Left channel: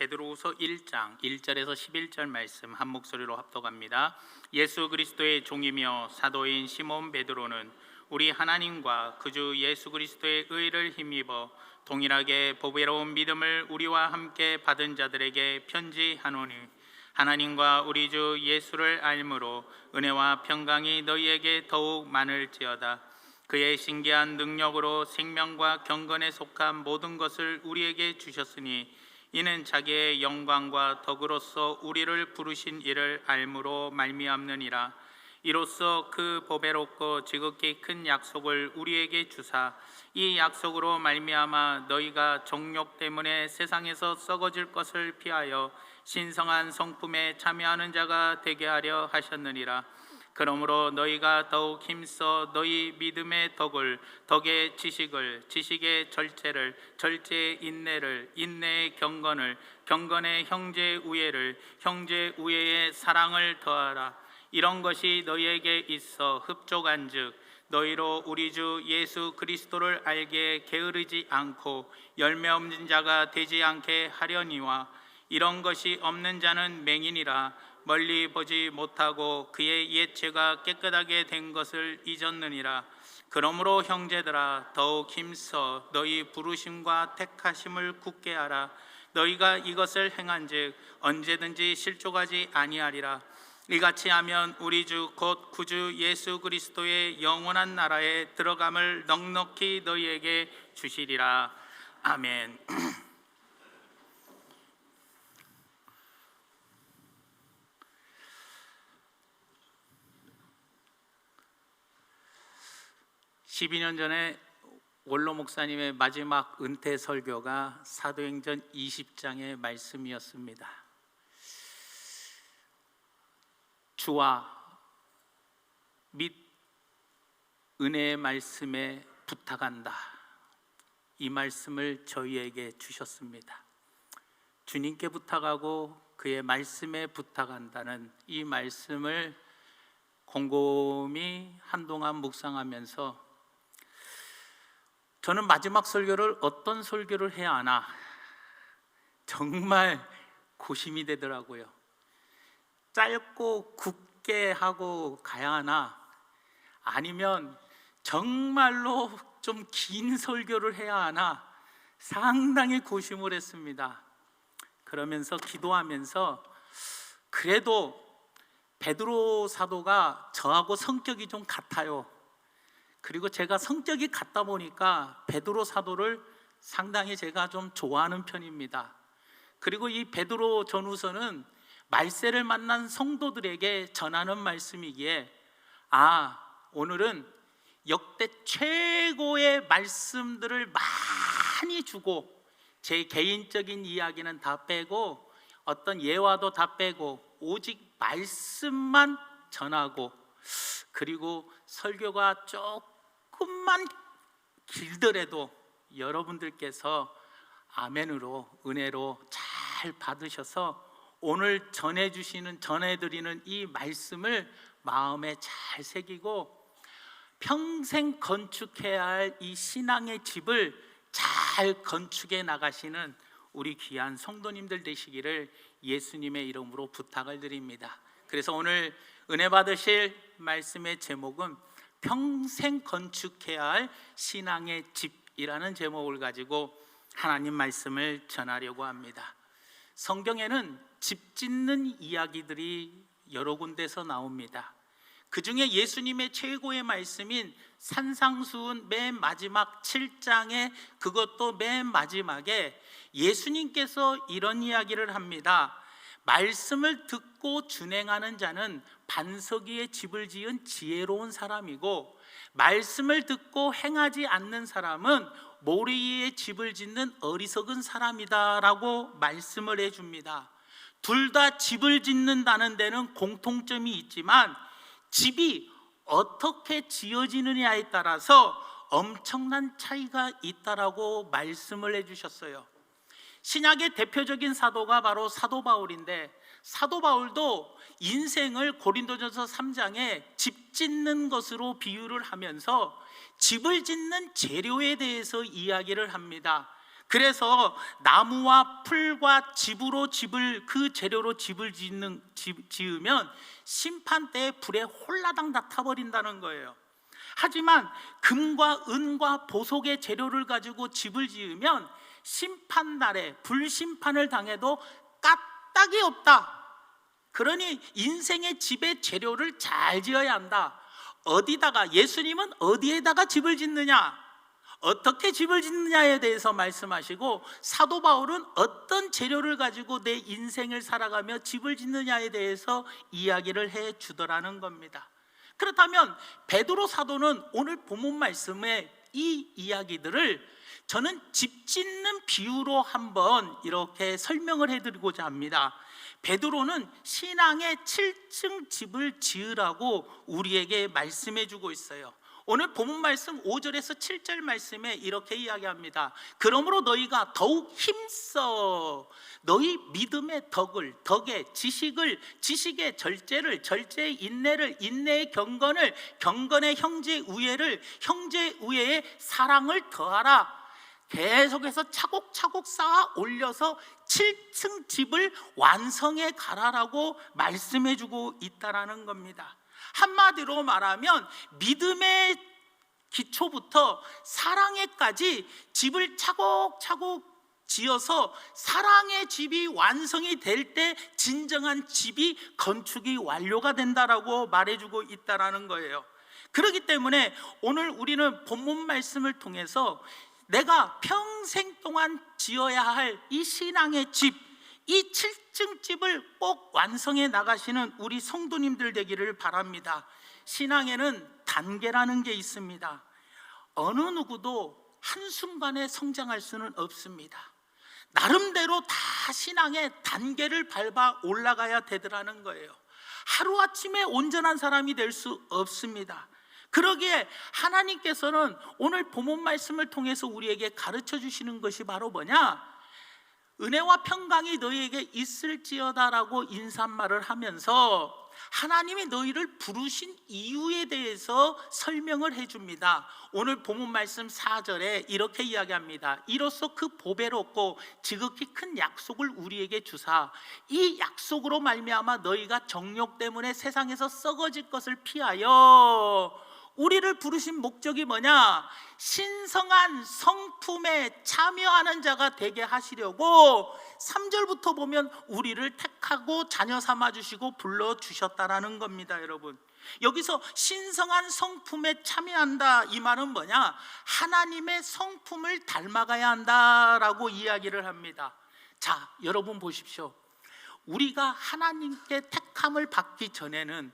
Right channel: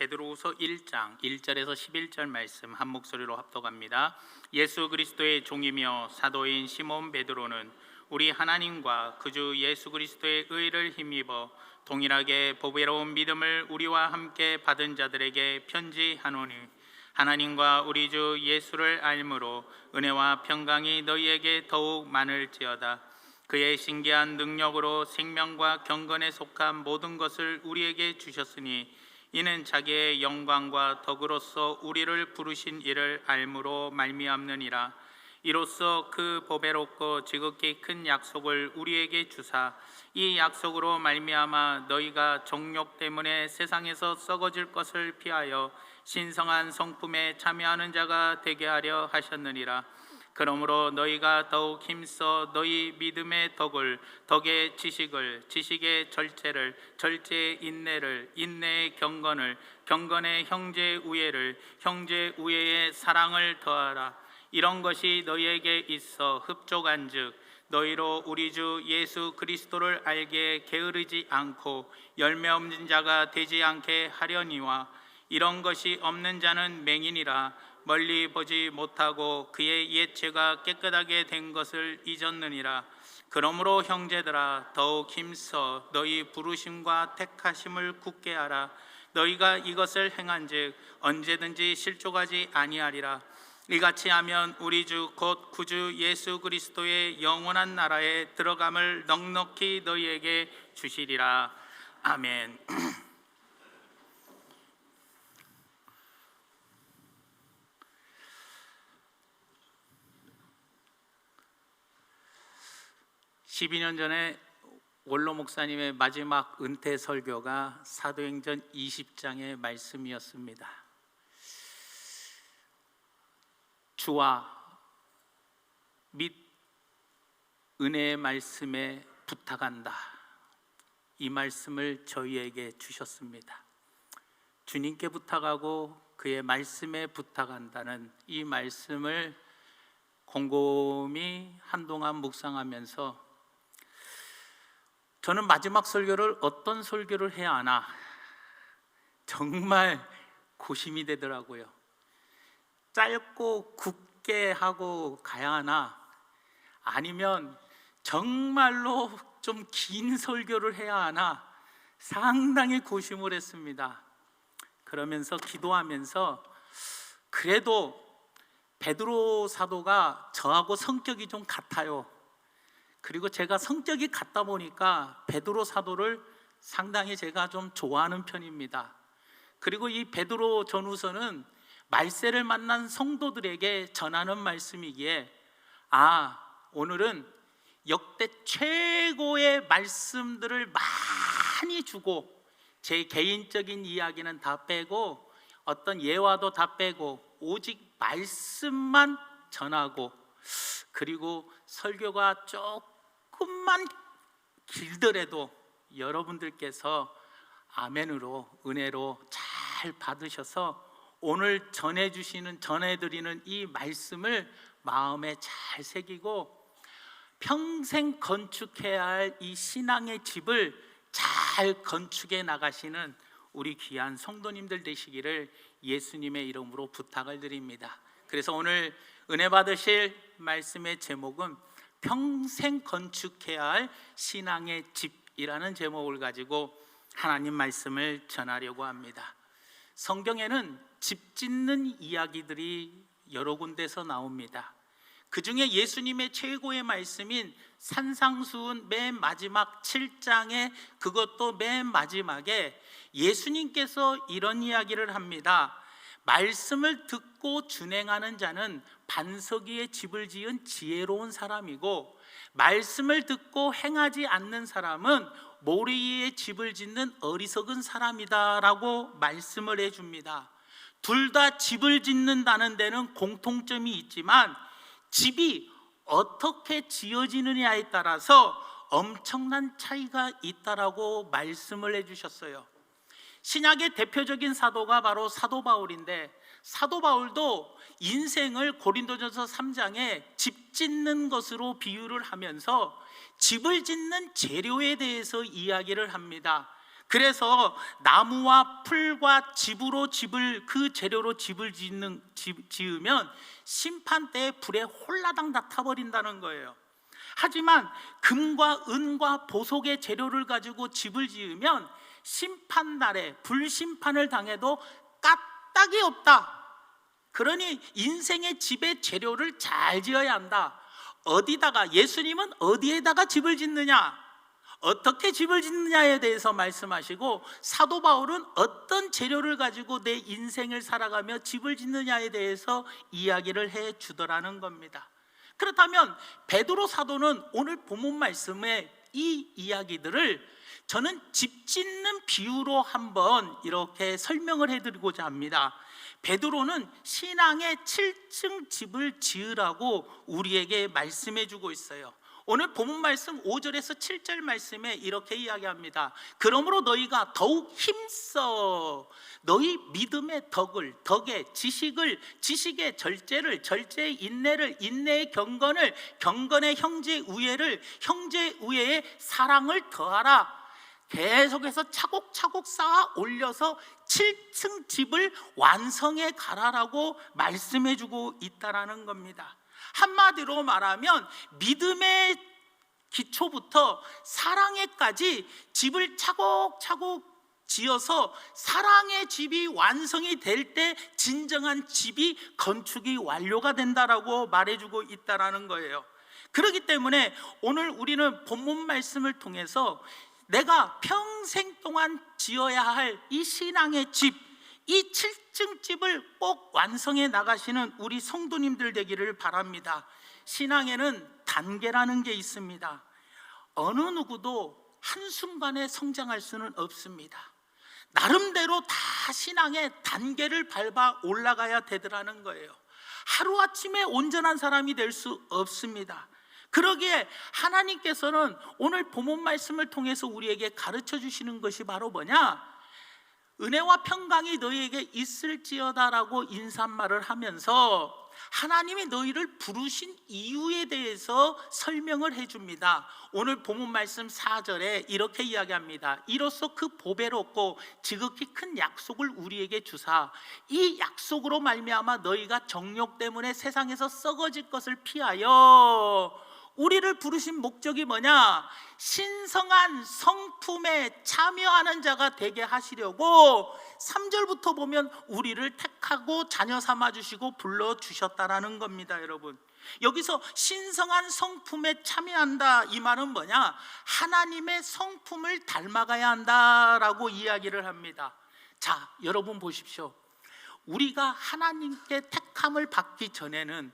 베드로후서 1장 1절에서 11절 말씀 한 목소리로 합독합니다. 예수 그리스도의 종이며 사도인 시몬 베드로는 우리 하나님과 그주 예수 그리스도의 의를 힘입어 동일하게 보배로운 믿음을 우리와 함께 받은 자들에게 편지하노니, 하나님과 우리 주 예수를 알므로 은혜와 평강이 너희에게 더욱 많을지어다. 그의 신기한 능력으로 생명과 경건에 속한 모든 것을 우리에게 주셨으니, 이는 자기의 영광과 덕으로서 우리를 부르신 이를 알므로 말미암느니라. 이로써 그 보배롭고 지극히 큰 약속을 우리에게 주사, 이 약속으로 말미암아 너희가 정욕 때문에 세상에서 썩어질 것을 피하여 신성한 성품에 참여하는 자가 되게 하려 하셨느니라. 그러므로 너희가 더욱 힘써 너희 믿음의 덕을, 덕의 지식을, 지식의 절제를, 절제의 인내를, 인내의 경건을, 경건의 형제 우애를, 형제 우애의 사랑을 더하라. 이런 것이 너희에게 있어 흡족한즉 너희로 우리 주 예수 그리스도를 알게 게으르지 않고 열매 없는 자가 되지 않게 하려니와, 이런 것이 없는 자는 맹인이라 멀리 보지 못하고 그의 옛죄가 깨끗하게 된 것을 잊었느니라. 그러므로 형제들아, 더욱 힘써 너희 부르심과 택하심을 굳게 하라. 너희가 이것을 행한즉 언제든지 실족하지 아니하리라. 이같이 하면 우리 주 곧 구주 예수 그리스도의 영원한 나라에 들어감을 넉넉히 너희에게 주시리라. 아멘. (12년) 전에 원로 목사님의 마지막 은퇴 설교가 사도행전 20장의 말씀이었습니다. 주와 및 은혜의 말씀에 부탁한다, 이 말씀을 저희에게 주셨습니다. 주님께 부탁하고 그의 말씀에 부탁한다는 이 말씀을 곰곰이 한동안 묵상하면서 저는 마지막 설교를 어떤 설교를 해야 하나 정말 고심이 되더라고요. 짧고 굳게 하고 가야 하나, 아니면 정말로 좀 긴 설교를 해야 하나 상당히 고심을 했습니다. 그러면서 기도하면서 그래도 베드로 사도가 저하고 성격이 좀 같아요. 그리고 제가 성격이 같다 보니까 베드로 사도를 상당히 제가 좀 좋아하는 편입니다. 그리고 이 베드로 전후서는 말세를 만난 성도들에게 전하는 말씀이기에, 오늘은 역대 최고의 말씀들을 많이 주고, 제 개인적인 이야기는 다 빼고 어떤 예화도 다 빼고 오직 말씀만 전하고, 그리고 설교가 조금만 길더라도 여러분들께서 아멘으로, 은혜로 잘 받으셔서 오늘 전해드리는 이 말씀을 마음에 잘 새기고 평생 건축해야 할 이 신앙의 집을 잘 건축해 나가시는 우리 귀한 성도님들 되시기를 예수님의 이름으로 부탁을 드립니다. 그래서 오늘 은혜 받으실 말씀의 제목은 평생 건축해야 할 신앙의 집이라는 제목을 가지고 하나님 말씀을 전하려고 합니다. 성경에는 집 짓는 이야기들이 여러 군데서 나옵니다. 그 중에 예수님의 최고의 말씀인 산상수훈 맨 마지막 7장에, 그것도 맨 마지막에 예수님께서 이런 이야기를 합니다. 말씀을 듣고 준행하는 자는 반석 위에 집을 지은 지혜로운 사람이고, 말씀을 듣고 행하지 않는 사람은 모래 위에 집을 짓는 어리석은 사람이다 라고 말씀을 해줍니다. 둘 다 집을 짓는다는 데는 공통점이 있지만 집이 어떻게 지어지느냐에 따라서 엄청난 차이가 있다라고 말씀을 해주셨어요. 신약의 대표적인 사도가 바로 사도 바울인데, 사도 바울도 인생을 고린도전서 3장에 집 짓는 것으로 비유를 하면서 집을 짓는 재료에 대해서 이야기를 합니다. 그래서 나무와 풀과 집으로 그 재료로 집을 지으면 심판 때에 불에 홀라당 다 타버린다는 거예요. 하지만 금과 은과 보석의 재료를 가지고 집을 지으면 심판날에 불심판을 당해도 까딱이 없다. 그러니 인생의 집의 재료를 잘 지어야 한다. 어디다가, 예수님은 어디에다가 집을 짓느냐, 어떻게 집을 짓느냐에 대해서 말씀하시고, 사도 바울은 어떤 재료를 가지고 내 인생을 살아가며 집을 짓느냐에 대해서 이야기를 해 주더라는 겁니다. 그렇다면 베드로 사도는 오늘 본문 말씀의 이 이야기들을 저는 집 짓는 비유로 한번 이렇게 설명을 해드리고자 합니다. 베드로는 신앙의 7층 집을 지으라고 우리에게 말씀해 주고 있어요. 오늘 본문 말씀 5절에서 7절 말씀에 이렇게 이야기합니다. 그러므로 너희가 더욱 힘써 너희 믿음의 덕에 지식의 절제를, 절제의 인내를, 인내의 경건을, 경건의 형제 우애를, 형제 우애의 사랑을 더하라. 계속해서 차곡차곡 쌓아 올려서 7층 집을 완성해 가라라고 말씀해 주고 있다라는 겁니다. 한마디로 말하면 믿음의 기초부터 사랑에까지 집을 차곡차곡 지어서 사랑의 집이 완성이 될 때 진정한 집이 건축이 완료가 된다라고 말해주고 있다라는 거예요. 그렇기 때문에 오늘 우리는 본문 말씀을 통해서 내가 평생 동안 지어야 할 이 신앙의 집, 이 7층 집을 꼭 완성해 나가시는 우리 성도님들 되기를 바랍니다. 신앙에는 단계라는 게 있습니다. 어느 누구도 한순간에 성장할 수는 없습니다. 나름대로 다 신앙의 단계를 밟아 올라가야 되더라는 거예요. 하루아침에 온전한 사람이 될 수 없습니다. 그러기에 하나님께서는 오늘 본문 말씀을 통해서 우리에게 가르쳐 주시는 것이 바로 뭐냐? 은혜와 평강이 너희에게 있을지어다라고 인사말을 하면서 하나님이 너희를 부르신 이유에 대해서 설명을 해줍니다. 오늘 본문 말씀 4절에 이렇게 이야기합니다. 이로써 그 보배롭고 지극히 큰 약속을 우리에게 주사 이 약속으로 말미암아 너희가 정욕 때문에 세상에서 썩어질 것을 피하여, 우리를 부르신 목적이 뭐냐? 신성한 성품에 참여하는 자가 되게 하시려고 3절부터 보면 우리를 택하고 자녀 삼아주시고 불러주셨다라는 겁니다. 여러분, 여기서 신성한 성품에 참여한다, 이 말은 뭐냐? 하나님의 성품을 닮아가야 한다라고 이야기를 합니다. 자, 여러분 보십시오. 우리가 하나님께 택함을 받기 전에는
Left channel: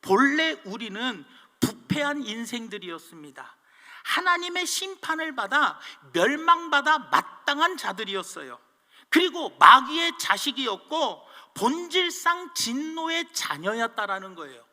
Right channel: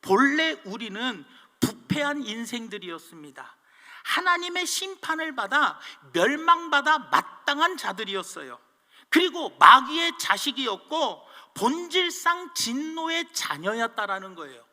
본래 우리는 부패한 인생들이었습니다. 하나님의 심판을 받아 멸망받아 마땅한 자들이었어요. 그리고 마귀의 자식이었고 본질상 진노의 자녀였다라는 거예요.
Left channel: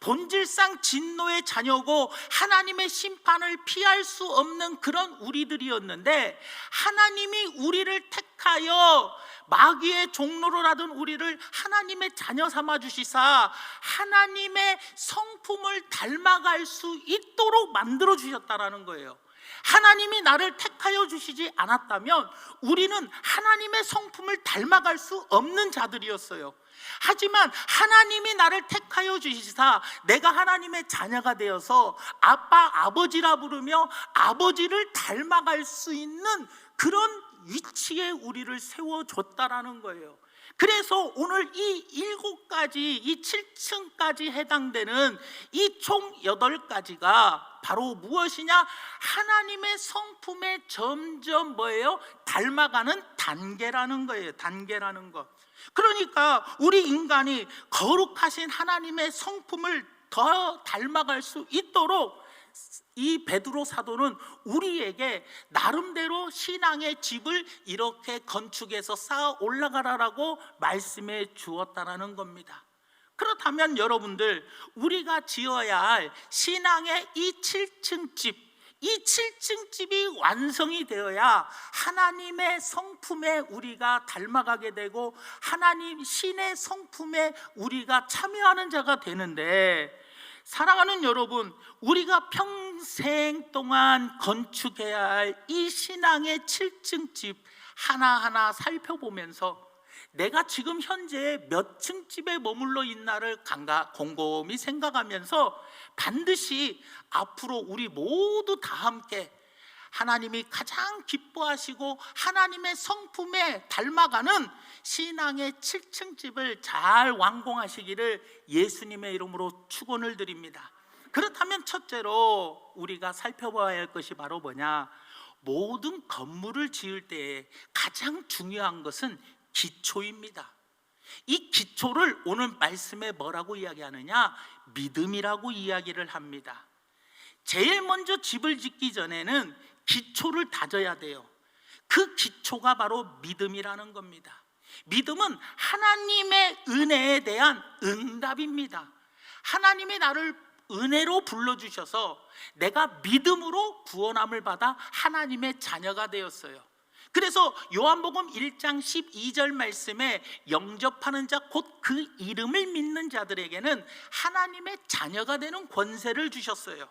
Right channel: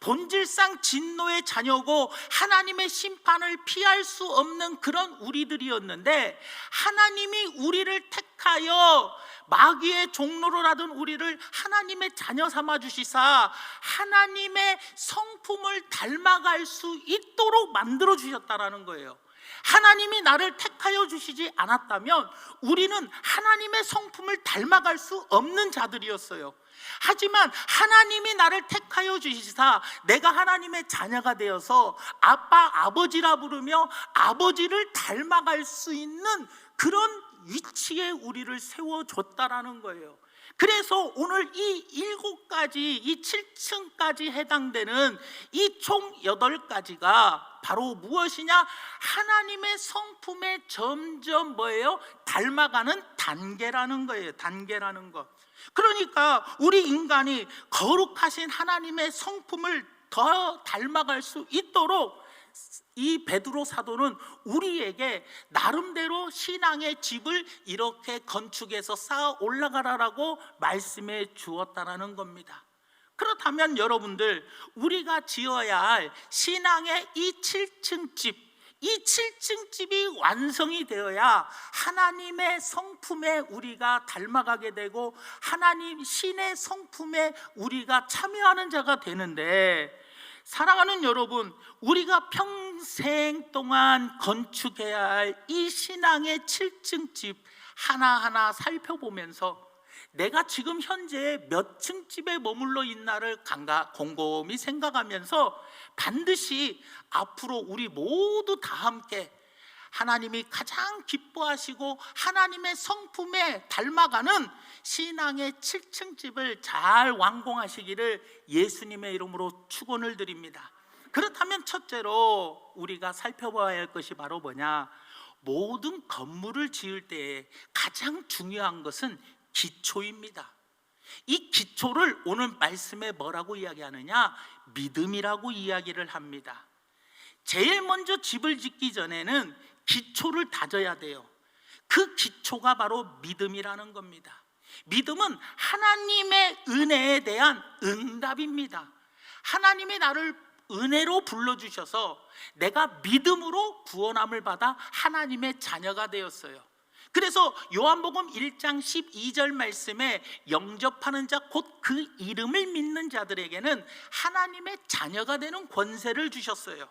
본질상 진노의 자녀고 하나님의 심판을 피할 수 없는 그런 우리들이었는데, 하나님이 우리를 택하여 마귀의 종로를 하던 우리를 하나님의 자녀 삼아 주시사 하나님의 성품을 닮아갈 수 있도록 만들어 주셨다라는 거예요. 하나님이 나를 택하여 주시지 않았다면 우리는 하나님의 성품을 닮아갈 수 없는 자들이었어요. 하지만 하나님이 나를 택하여 주시사 내가 하나님의 자녀가 되어서 아빠, 아버지라 부르며 아버지를 닮아갈 수 있는 그런 위치에 우리를 세워줬다라는 거예요. 그래서 오늘 이 7가지, 이 7층까지 해당되는 이 총 8가지가 바로 무엇이냐? 하나님의 성품에 점점 뭐예요? 닮아가는 단계라는 거예요. 단계라는 것. 그러니까 우리 인간이 거룩하신 하나님의 성품을 더 닮아갈 수 있도록 이 베드로 사도는 우리에게 나름대로 신앙의 집을 이렇게 건축해서 쌓아 올라가라라고 말씀해 주었다라는 겁니다. 그렇다면 여러분들, 우리가 지어야 할 신앙의 이 7층 집, 이 7층 집이 완성이 되어야 하나님의 성품에 우리가 닮아가게 되고 하나님 신의 성품에 우리가 참여하는 자가 되는데, 사랑하는 여러분, 우리가 평생 동안 건축해야 할 이 신앙의 7층 집 하나하나 살펴보면서 내가 지금 현재 몇 층 집에 머물러 있나를 곰곰이 생각하면서 반드시 앞으로 우리 모두 다 함께 하나님이 가장 기뻐하시고 하나님의 성품에 닮아가는 신앙의 7층 집을 잘 완공하시기를 예수님의 이름으로 축원을 드립니다. 그렇다면 첫째로 우리가 살펴봐야 할 것이 바로 뭐냐? 모든 건물을 지을 때에 가장 중요한 것은 기초입니다. 이 기초를 오늘 말씀에 뭐라고 이야기하느냐? 믿음이라고 이야기를 합니다. 제일 먼저 집을 짓기 전에는 기초를 다져야 돼요. 그 기초가 바로 믿음이라는 겁니다. 믿음은 하나님의 은혜에 대한 응답입니다. 하나님이 나를 은혜로 불러주셔서 내가 믿음으로 구원함을 받아 하나님의 자녀가 되었어요. 그래서 요한복음 1장 12절 말씀에 영접하는 자 곧 그 이름을 믿는 자들에게는 하나님의 자녀가 되는 권세를 주셨어요.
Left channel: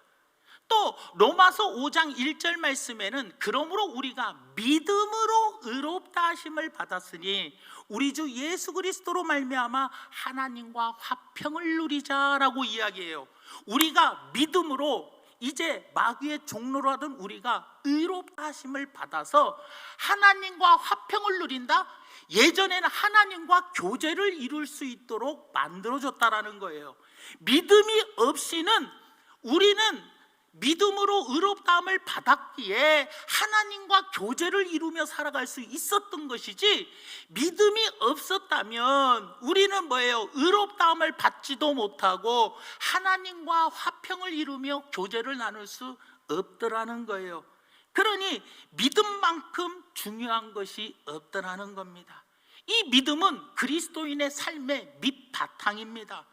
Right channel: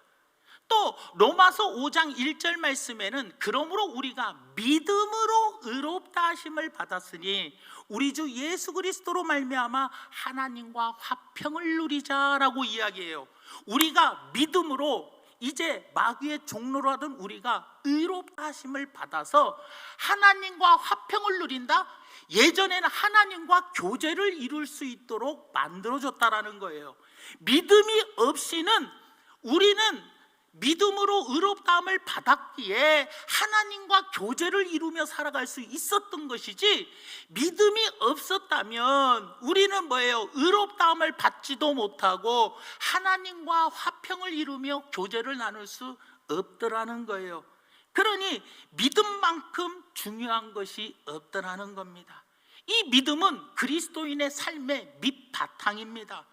또 로마서 5장 1절 말씀에는 그러므로 우리가 믿음으로 의롭다 하심을 받았으니 우리 주 예수 그리스도로 말미암아 하나님과 화평을 누리자라고 이야기해요. 우리가 믿음으로 이제 마귀의 종로로 하던 우리가 의롭다 하심을 받아서 하나님과 화평을 누린다? 예전에는 하나님과 교제를 이룰 수 있도록 만들어줬다라는 거예요. 믿음이 없이는 우리는 믿음으로 의롭다함을 받았기에 하나님과 교제를 이루며 살아갈 수 있었던 것이지, 믿음이 없었다면 우리는 뭐예요? 의롭다함을 받지도 못하고 하나님과 화평을 이루며 교제를 나눌 수 없더라는 거예요. 그러니 믿음만큼 중요한 것이 없더라는 겁니다. 이 믿음은 그리스도인의 삶의 밑바탕입니다.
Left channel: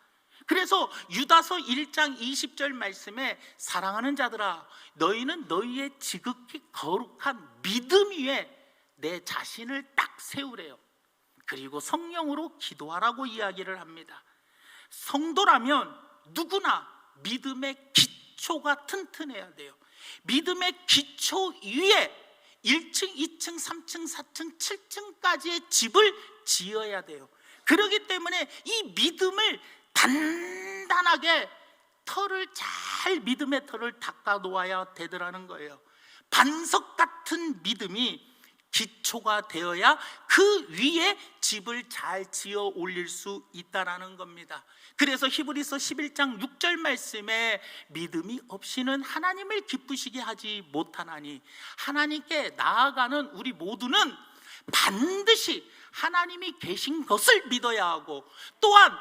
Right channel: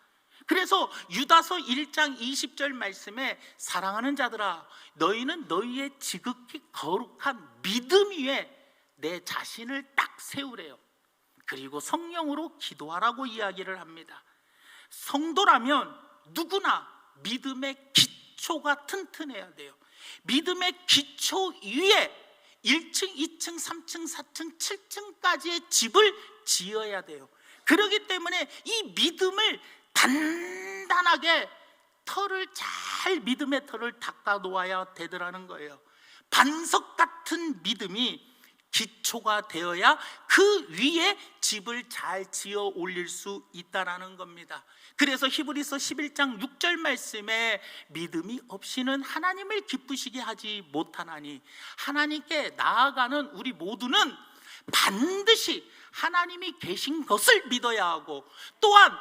그래서 유다서 1장 20절 말씀에 사랑하는 자들아 너희는 너희의 지극히 거룩한 믿음 위에 내 자신을 딱 세우래요. 그리고 성령으로 기도하라고 이야기를 합니다. 성도라면 누구나 믿음의 기초가 튼튼해야 돼요. 믿음의 기초 위에 1층, 2층, 3층, 4층, 7층까지의 집을 지어야 돼요. 그렇기 때문에 이 믿음을 단단하게 믿음의 털을 닦아 놓아야 되더라는 거예요. 반석 같은 믿음이 기초가 되어야 그 위에 집을 잘 지어 올릴 수 있다라는 겁니다. 그래서 히브리서 11장 6절 말씀에 믿음이 없이는 하나님을 기쁘시게 하지 못하나니, 하나님께 나아가는 우리 모두는 반드시 하나님이 계신 것을 믿어야 하고, 또한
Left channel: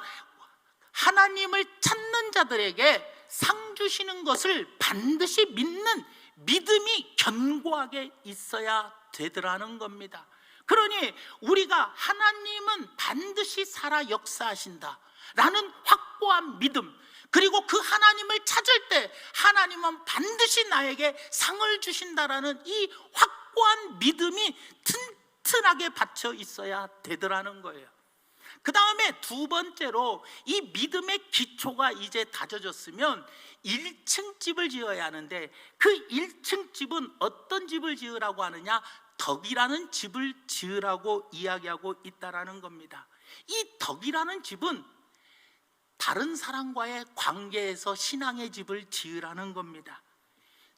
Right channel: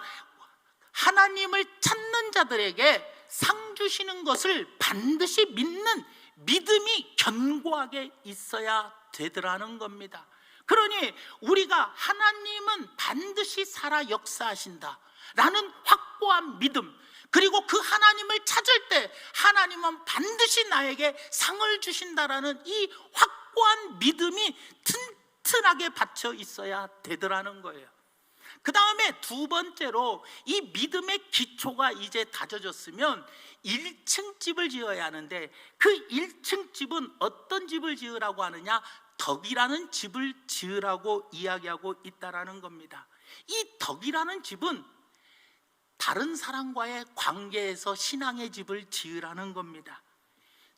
하나님을 찾는 자들에게 상 주시는 것을 반드시 믿는 믿음이 견고하게 있어야 되더라는 겁니다. 그러니 우리가 하나님은 반드시 살아 역사하신다 라는 확고한 믿음, 그리고 그 하나님을 찾을 때 하나님은 반드시 나에게 상을 주신다라는 이 확고한 믿음이 튼튼하게 받쳐 있어야 되더라는 거예요. 그 다음에 두 번째로 이 믿음의 기초가 이제 다져졌으면 1층 집을 지어야 하는데, 그 1층 집은 어떤 집을 지으라고 하느냐? 덕이라는 집을 지으라고 이야기하고 있다라는 겁니다. 이 덕이라는 집은 다른 사람과의 관계에서 신앙의 집을 지으라는 겁니다.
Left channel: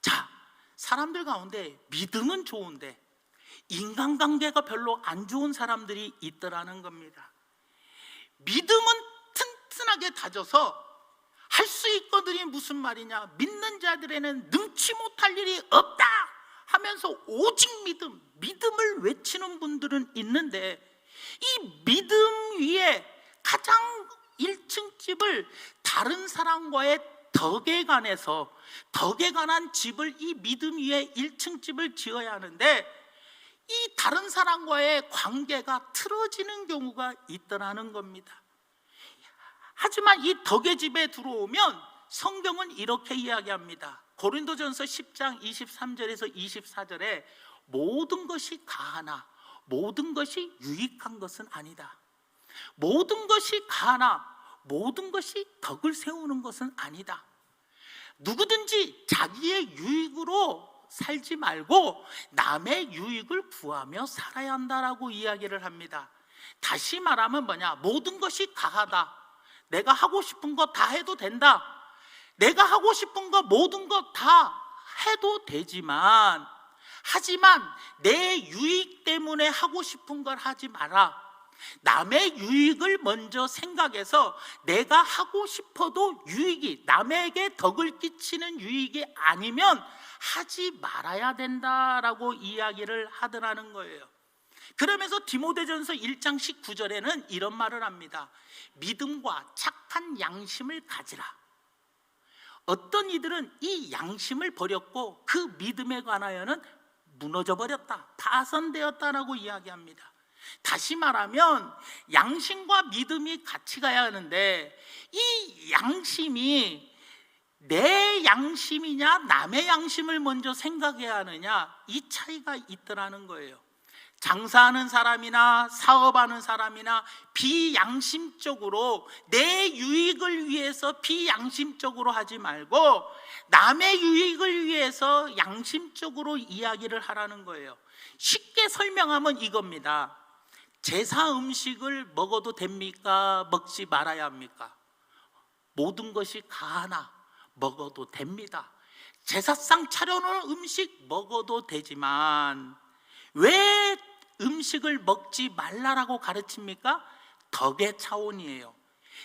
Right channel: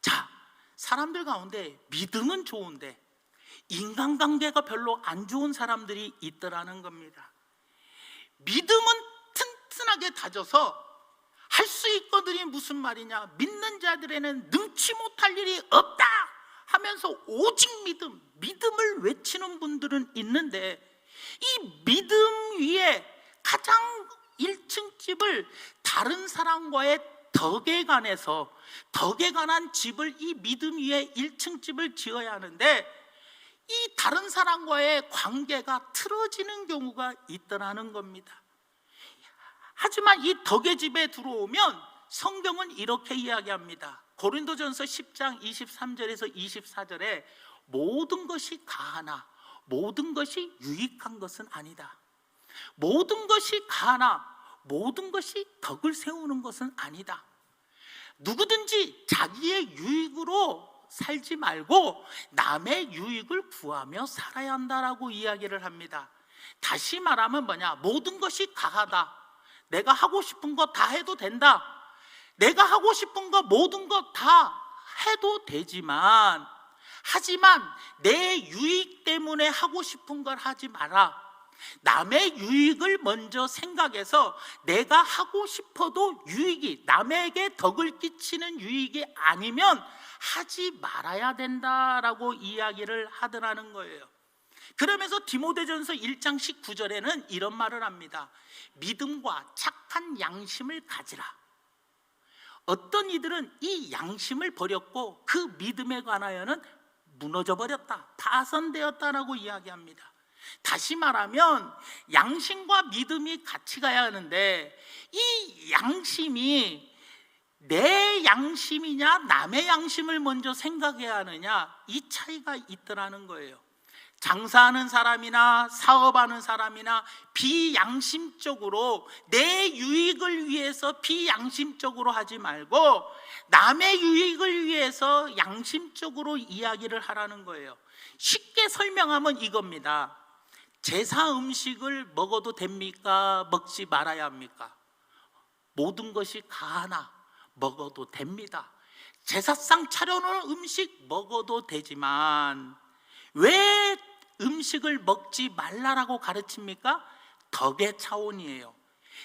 자, 사람들 가운데 믿음은 좋은데 인간관계가 별로 안 좋은 사람들이 있더라는 겁니다. 믿음은 튼튼하게 다져서 할 수 있거든이 무슨 말이냐? 믿는 자들에는 능치 못할 일이 없다 하면서 오직 믿음을 외치는 분들은 있는데, 이 믿음 위에 가장 1층 집을 다른 사람과의 덕에 관한 집을, 이 믿음 위에 1층 집을 지어야 하는데, 이 다른 사람과의 관계가 틀어지는 경우가 있더라는 겁니다. 하지만 이 덕의 집에 들어오면 성경은 이렇게 이야기합니다. 고린도전서 10장 23절에서 24절에 모든 것이 가하나 모든 것이 유익한 것은 아니다. 모든 것이 가하나 모든 것이 덕을 세우는 것은 아니다. 누구든지 자기의 유익으로 살지 말고 남의 유익을 구하며 살아야 한다라고 이야기를 합니다. 다시 말하면 뭐냐? 모든 것이 가하다. 내가 하고 싶은 거 다 해도 된다. 내가 하고 싶은 거 모든 거 다 해도 되지만, 하지만 내 유익 때문에 하고 싶은 걸 하지 마라. 남의 유익을 먼저 생각해서 내가 하고 싶어도 유익이, 남에게 덕을 끼치는 유익이 아니면 하지 말아야 된다라고 이야기를 하더라는 거예요. 그러면서 디모데전서 1장 19절에는 이런 말을 합니다. 믿음과 착한 양심을 가지라. 어떤 이들은 이 양심을 버렸고 그 믿음에 관하여는 무너져 버렸다, 파손되었다라고 이야기합니다. 다시 말하면 양심과 믿음이 같이 가야 하는데, 이 양심이 내 양심이냐 남의 양심을 먼저 생각해야 하느냐, 이 차이가 있더라는 거예요. 장사하는 사람이나 사업하는 사람이나 비양심적으로 내 유익을 위해서 비양심적으로 하지 말고 남의 유익을 위해서 양심적으로 이야기를 하라는 거예요. 쉽게 설명하면 이겁니다. 제사 음식을 먹어도 됩니까? 먹지 말아야 합니까? 모든 것이 가하나 먹어도 됩니다. 제사상 차려놓은 음식 먹어도 되지만 왜 음식을 먹지 말라라고 가르칩니까? 덕의 차원이에요.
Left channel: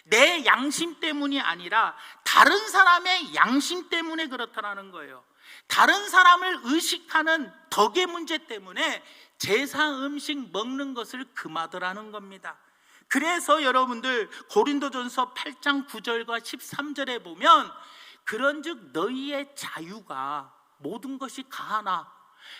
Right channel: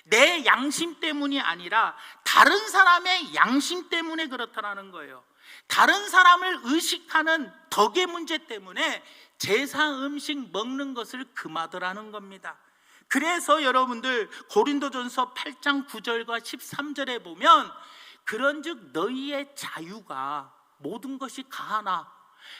내 양심 때문이 아니라 다른 사람의 양심 때문에 그렇다라는 거예요. 다른 사람을 의식하는 덕의 문제 때문에 제사 음식 먹는 것을 금하더라는 겁니다. 그래서 여러분들 고린도전서 8장 9절과 13절에 보면, 그런즉 너희의 자유가, 모든 것이 가하나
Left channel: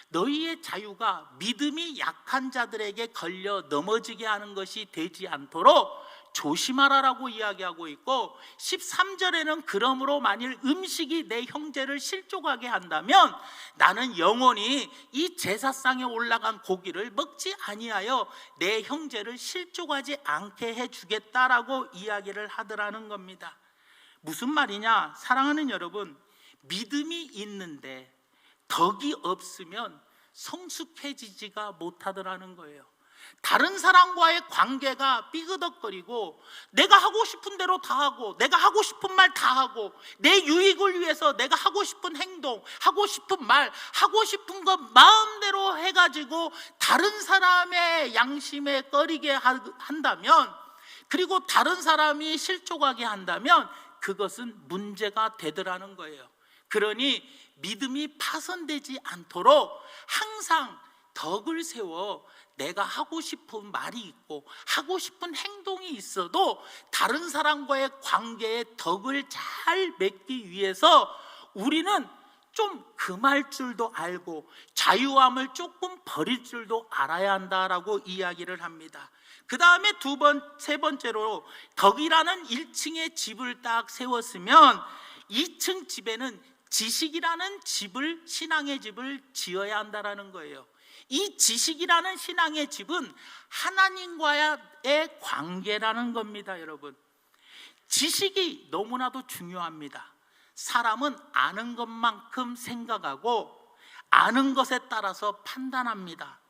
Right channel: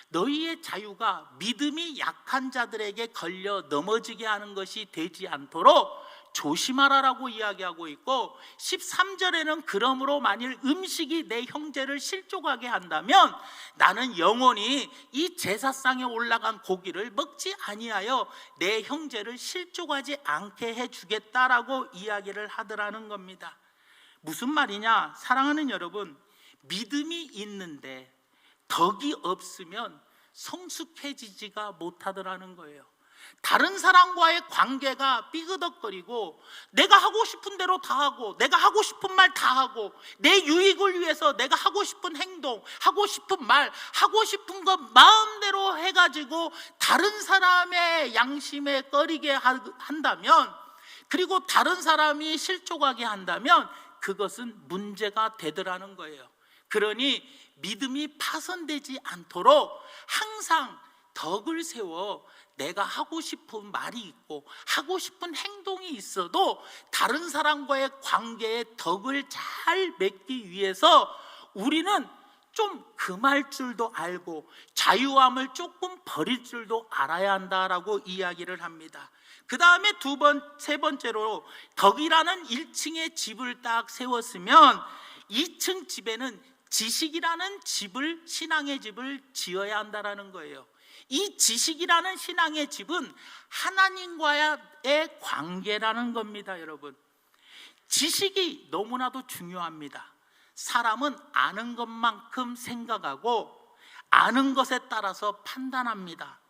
너희의 자유가 믿음이 약한 자들에게 걸려 넘어지게 하는 것이 되지 않도록 조심하라라고 이야기하고 있고, 13절에는 그러므로 만일 음식이 내 형제를 실족하게 한다면 나는 영원히 이 제사상에 올라간 고기를 먹지 아니하여 내 형제를 실족하지 않게 해주겠다라고 이야기를 하더라는 겁니다. 무슨 말이냐? 사랑하는 여러분, 믿음이 있는데 덕이 없으면 성숙해지지가 못하더라는 거예요. 다른 사람과의 관계가 삐그덕거리고 내가 하고 싶은 대로 다 하고 내가 하고 싶은 말 다 하고 내 유익을 위해서 내가 하고 싶은 행동, 하고 싶은 말, 하고 싶은 것 마음대로 해가지고 다른 사람의 양심에 꺼리게 한다면, 그리고 다른 사람이 실족하게 한다면 그것은 문제가 되더라는 거예요. 그러니 믿음이 파손되지 않도록 항상 덕을 세워 내가 하고 싶은 말이 있고 하고 싶은 행동이 있어도 다른 사람과의 관계에 덕을 잘 맺기 위해서 우리는 좀 금할 줄도 알고 자유함을 조금 버릴 줄도 알아야 한다라고 이야기를 합니다. 그 다음에 세 번째로 덕이라는 1층의 집을 딱 세웠으면 2층 집에는 지식이라는 집을, 신앙의 집을 지어야 한다라는 거예요. 이 지식이라는 신앙의 집은 하나님과의 관계라는 겁니다. 여러분, 지식이 너무나도 중요합니다. 사람은 아는 것만큼 생각하고 아는 것에 따라서 판단합니다.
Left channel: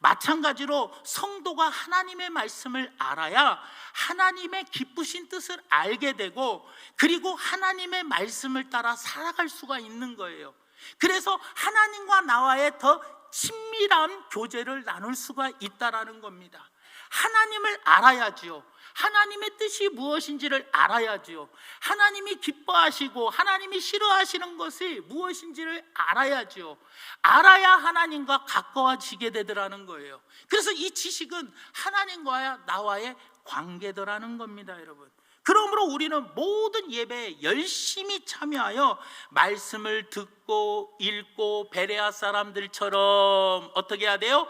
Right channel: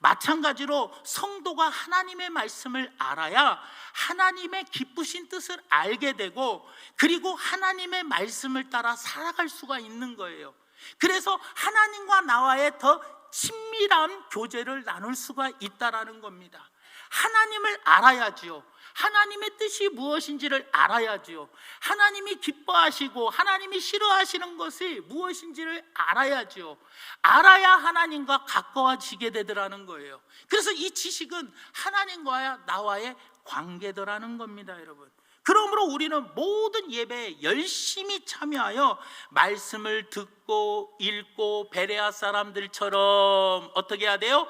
마찬가지로 성도가 하나님의 말씀을 알아야 하나님의 기쁘신 뜻을 알게 되고, 그리고 하나님의 말씀을 따라 살아갈 수가 있는 거예요. 그래서 하나님과 나와의 더 친밀한 교제를 나눌 수가 있다라는 겁니다. 하나님을 알아야지요. 하나님의 뜻이 무엇인지를 알아야지요. 하나님이 기뻐하시고 하나님이 싫어하시는 것이 무엇인지를 알아야지요. 알아야 하나님과 가까워지게 되더라는 거예요. 그래서 이 지식은 하나님과 나와의 관계더라는 겁니다, 여러분. 그러므로 우리는 모든 예배에 열심히 참여하여 말씀을 듣고 읽고 베레아 사람들처럼 어떻게 해야 돼요?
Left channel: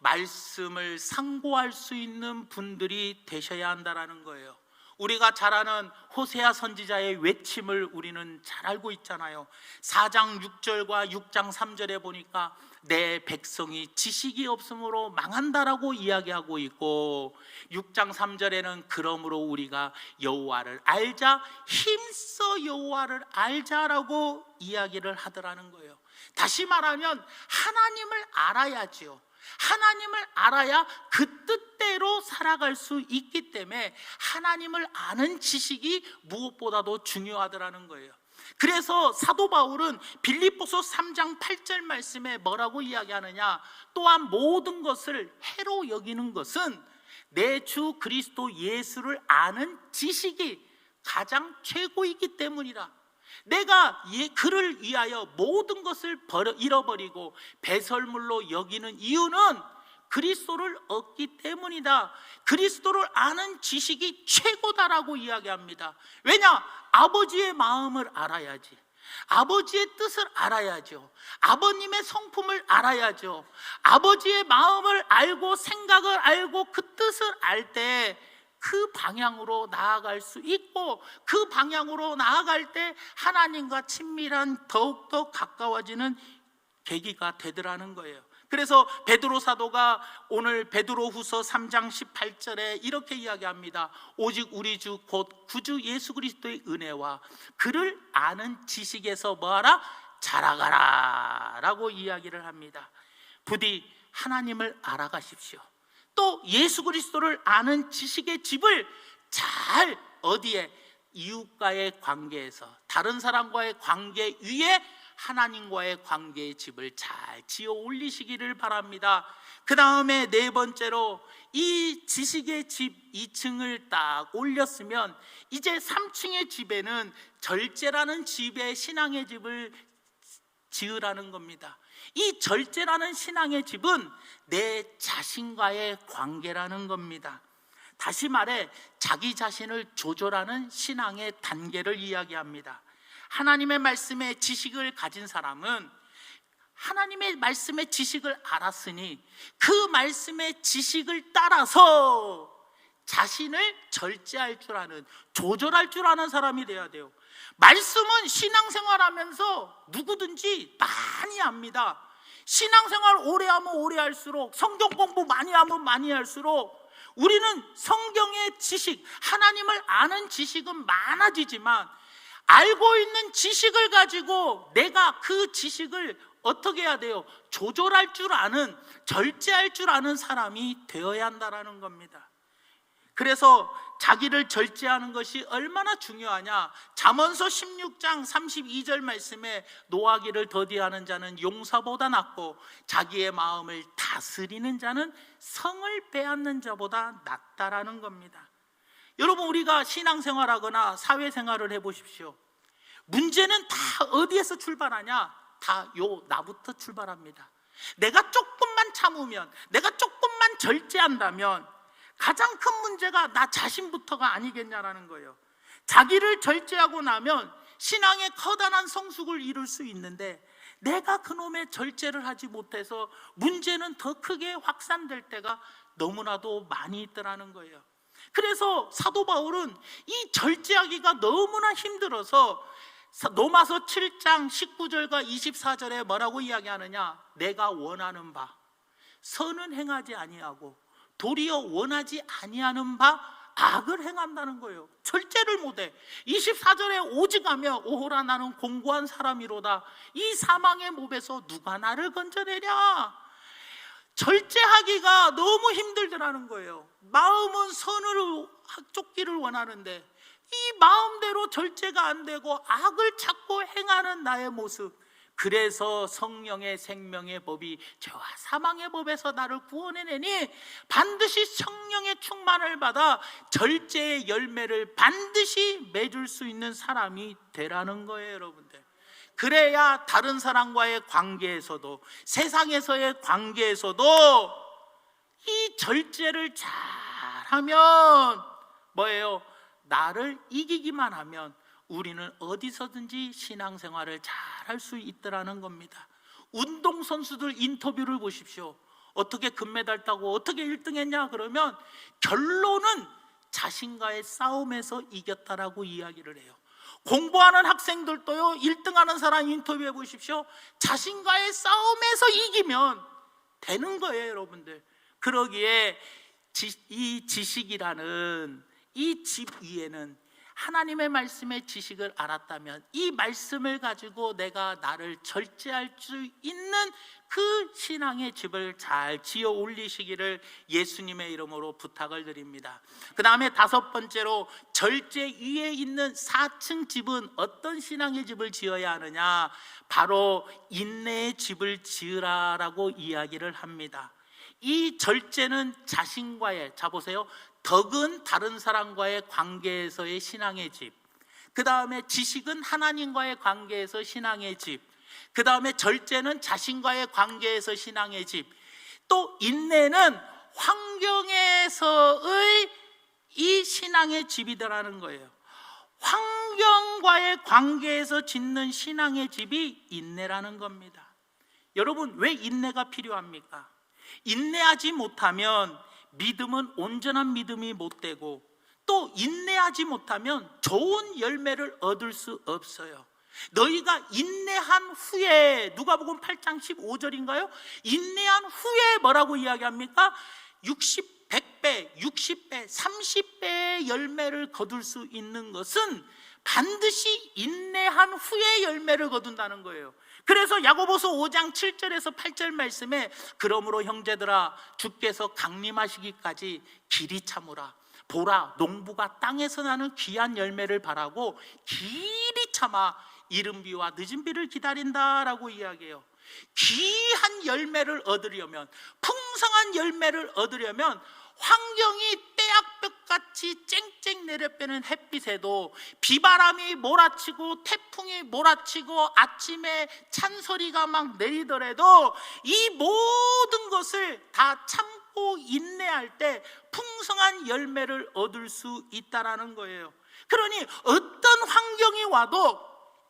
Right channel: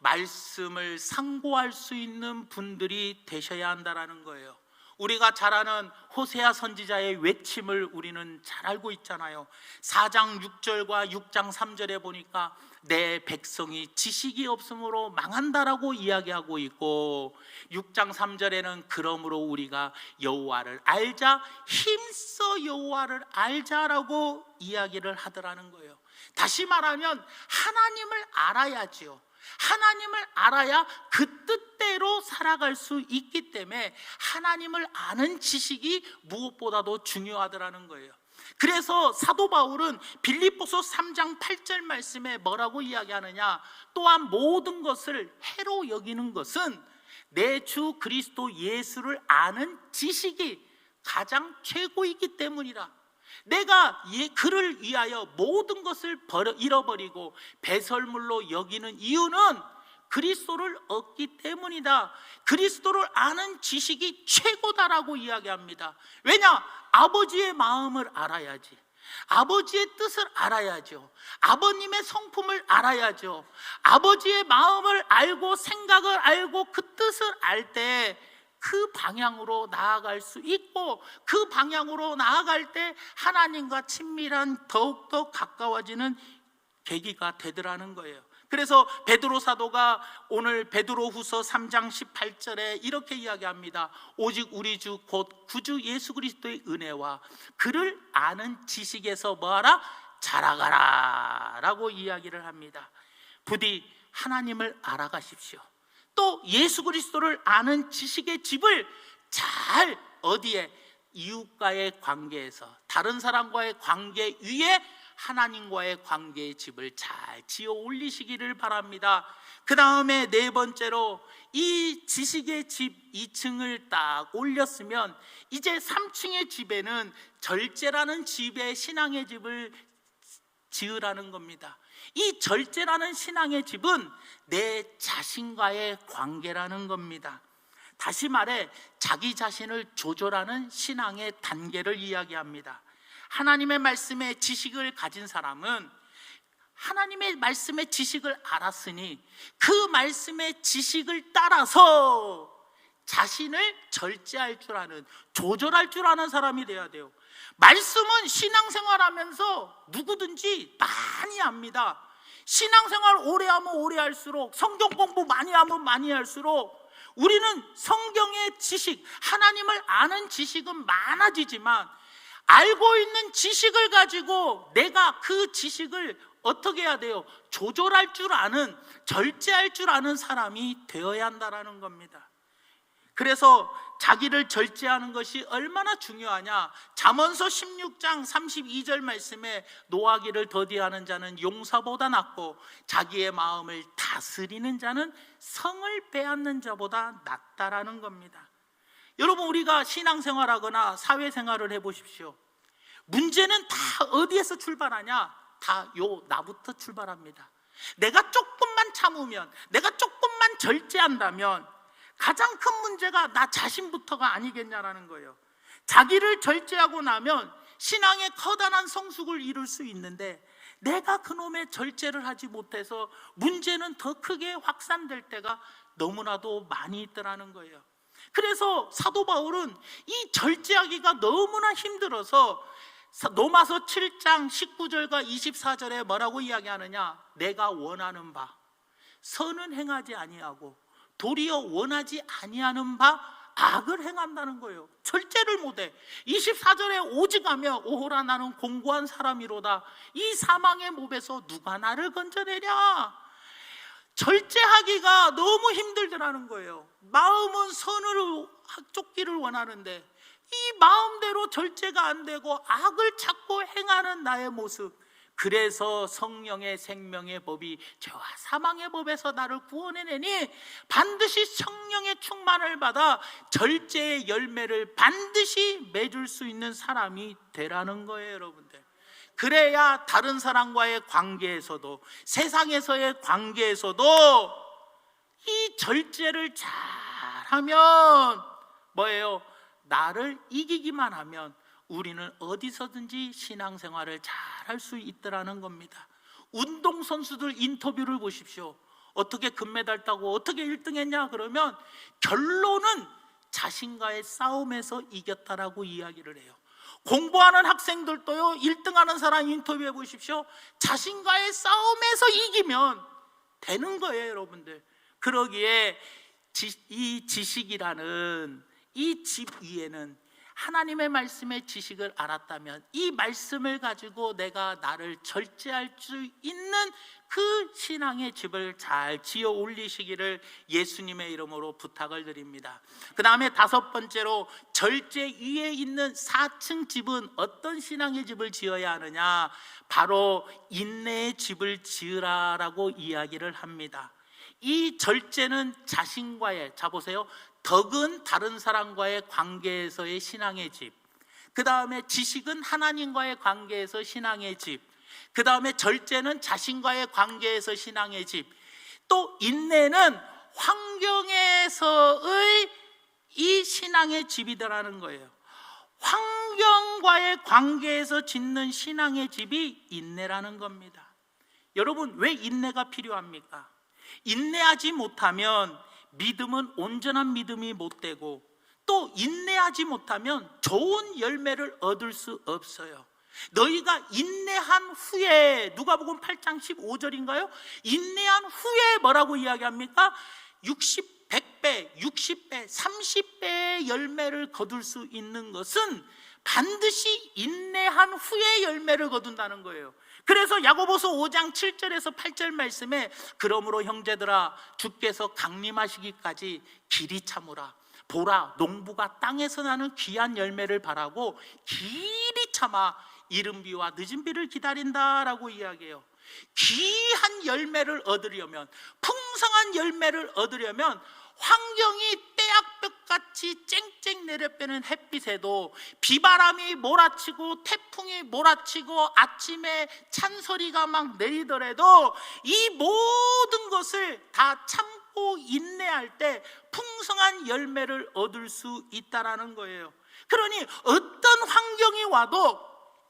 말씀을 상고할 수 있는 분들이 되셔야 한다는 거예요. 우리가 잘 아는 호세아 선지자의 외침을 우리는 잘 알고 있잖아요. 4장 6절과 6장 3절에 보니까 내 백성이 지식이 없으므로 망한다라고 이야기하고 있고, 6장 3절에는 그러므로 우리가 여호와를 알자, 힘써 여호와를 알자라고 이야기를 하더라는 거예요. 다시 말하면 하나님을 알아야지요. 하나님을 알아야 그 뜻대로 살아갈 수 있기 때문에 하나님을 아는 지식이 무엇보다도 중요하더라는 거예요. 그래서 사도 바울은 빌립보서 3장 8절 말씀에 뭐라고 이야기하느냐, 또한 모든 것을 해로 여기는 것은 내 주 그리스도 예수를 아는 지식이 가장 최고이기 때문이다. 내가 그를 위하여 모든 것을 잃어버리고 배설물로 여기는 이유는 그리스도를 얻기 때문이다. 그리스도를 아는 지식이 최고다라고 이야기합니다. 왜냐? 아버지의 마음을 알아야지. 아버지의 뜻을 알아야죠. 아버님의 성품을 알아야죠. 아버지의 마음을 알고 생각을 알고 그 뜻을 알 때 그 방향으로 나아갈 수 있고, 그 방향으로 나아갈 때 하나님과 친밀한 더욱더 가까워지는 계기가 되더라는 거예요. 그래서 베드로 사도가 오늘 베드로후서 3장 18절에 이렇게 이야기합니다. 오직 우리 주 곧 구주 예수 그리스도의 은혜와 그를 아는 지식에서 뭐하라? 자라가라 라고 이야기를 합니다. 부디 하나님을 알아가십시오. 또 예수 그리스도를 아는 지식의 집을 잘 어디에? 이웃과의 관계에서, 다른 사람과의 관계 위에 하나님과의 관계의 집을 잘 지어 올리시기를 바랍니다. 그 다음에 네 번째로 이 지식의 집 2층을 딱 올렸으면 이제 3층의 집에는 절제라는 집의 신앙의 집을 지으라는 겁니다. 이 절제라는 신앙의 집은 내 자신과의 관계라는 겁니다. 다시 말해 자기 자신을 조절하는 신앙의 단계를 이야기합니다. 하나님의 말씀에 지식을 가진 사람은 하나님의 말씀의 지식을 알았으니 그 말씀의 지식을 따라서 자신을 절제할 줄 아는, 조절할 줄 아는 사람이 돼야 돼요. 말씀은 신앙생활하면서 누구든지 많이 압니다. 신앙생활 오래 하면 오래 할수록, 성경 공부 많이 하면 많이 할수록 우리는 성경의 지식, 하나님을 아는 지식은 많아지지만 알고 있는 지식을 가지고 내가 그 지식을 어떻게 해야 돼요? 조절할 줄 아는, 절제할 줄 아는 사람이 되어야 한다는 겁니다. 그래서 자기를 절제하는 것이 얼마나 중요하냐. 잠언서 16장 32절 말씀에 노하기를 더디하는 자는 용사보다 낫고 자기의 마음을 다스리는 자는 성을 빼앗는 자보다 낫다라는 겁니다. 여러분, 우리가 신앙생활하거나 사회생활을 해보십시오. 문제는 다 어디에서 출발하냐? 다 나부터 출발합니다. 내가 조금만 참으면, 내가 조금만 절제한다면 가장 큰 문제가 나 자신부터가 아니겠냐라는 거예요. 자기를 절제하고 나면 신앙의 커다란 성숙을 이룰 수 있는데 내가 그놈의 절제를 하지 못해서 문제는 더 크게 확산될 때가 너무나도 많이 있더라는 거예요. 그래서 사도 바울은 이 절제하기가 너무나 힘들어서 로마서 7장 19절과 24절에 뭐라고 이야기하느냐? 내가 원하는 바 선은 행하지 아니하고 도리어 원하지 아니하는 바 악을 행한다는 거예요. 절제를 못해. 24절에 오직하며 오호라 나는 공고한 사람이로다. 이 사망의 몹에서 누가 나를 건져내랴. 절제하기가 너무 힘들더라는 거예요. 마음은 선으로 쫓기를 원하는데 이 마음대로 절제가 안 되고 악을 찾고 행하는 나의 모습. 그래서 성령의 생명의 법이 죄와 사망의 법에서 나를 구원해내니 반드시 성령의 충만을 받아 절제의 열매를 반드시 맺을 수 있는 사람이 되라는 거예요, 여러분들. 그래야 다른 사람과의 관계에서도, 세상에서의 관계에서도 이 절제를 잘하면 뭐예요? 나를 이기기만 하면 우리는 어디서든지 신앙생활을 잘 할 수 있더라는 겁니다. 운동선수들 인터뷰를 보십시오. 어떻게 금메달 따고 어떻게 1등 했냐 그러면 결론은 자신과의 싸움에서 이겼다라고 이야기를 해요. 공부하는 학생들도요, 1등하는 사람 인터뷰해 보십시오. 자신과의 싸움에서 이기면 되는 거예요, 여러분들. 그러기에 이 지식이라는 이 집 위에는 하나님의 말씀의 지식을 알았다면 이 말씀을 가지고 내가 나를 절제할 수 있는 그 신앙의 집을 잘 지어 올리시기를 예수님의 이름으로 부탁을 드립니다. 그 다음에 5번째로 절제 위에 있는 4층 집은 어떤 신앙의 집을 지어야 하느냐? 바로 인내의 집을 지으라라고 이야기를 합니다. 이 절제는 자신과의, 자 보세요, 덕은 다른 사람과의 관계에서의 신앙의 집, 그 다음에 지식은 하나님과의 관계에서 신앙의 집, 그 다음에 절제는 자신과의 관계에서 신앙의 집, 또 인내는 환경에서의 이 신앙의 집이더라는 거예요. 환경과의 관계에서 짓는 신앙의 집이 인내라는 겁니다. 여러분, 왜 인내가 필요합니까? 인내하지 못하면 믿음은 온전한 믿음이 못 되고, 또 인내하지 못하면 좋은 열매를 얻을 수 없어요. 너희가 인내한 후에, 누가복음 8장 15절인가요? 인내한 후에 뭐라고 이야기합니까? 60, 100배, 60배, 30배의 열매를 거둘 수 있는 것은 반드시 인내한 후에 열매를 거둔다는 거예요. 그래서 야고보서 5장 7절에서 8절 말씀에 그러므로 형제들아 주께서 강림하시기까지 길이 참으라. 보라 농부가 땅에서 나는 귀한 열매를 바라고 길이 참아 이른 비와 늦은 비를 기다린다라고 이야기해요. 귀한 열매를 얻으려면, 풍성한 열매를 얻으려면 환경이 빼앗볕같이 쨍쨍 내려빼는 햇빛에도 비바람이 몰아치고 태풍이 몰아치고 아침에 찬소리가 막 내리더라도 이 모든 것을 다 참고 인내할 때 풍성한 열매를 얻을 수 있다라는 거예요. 그러니 어떤 환경이 와도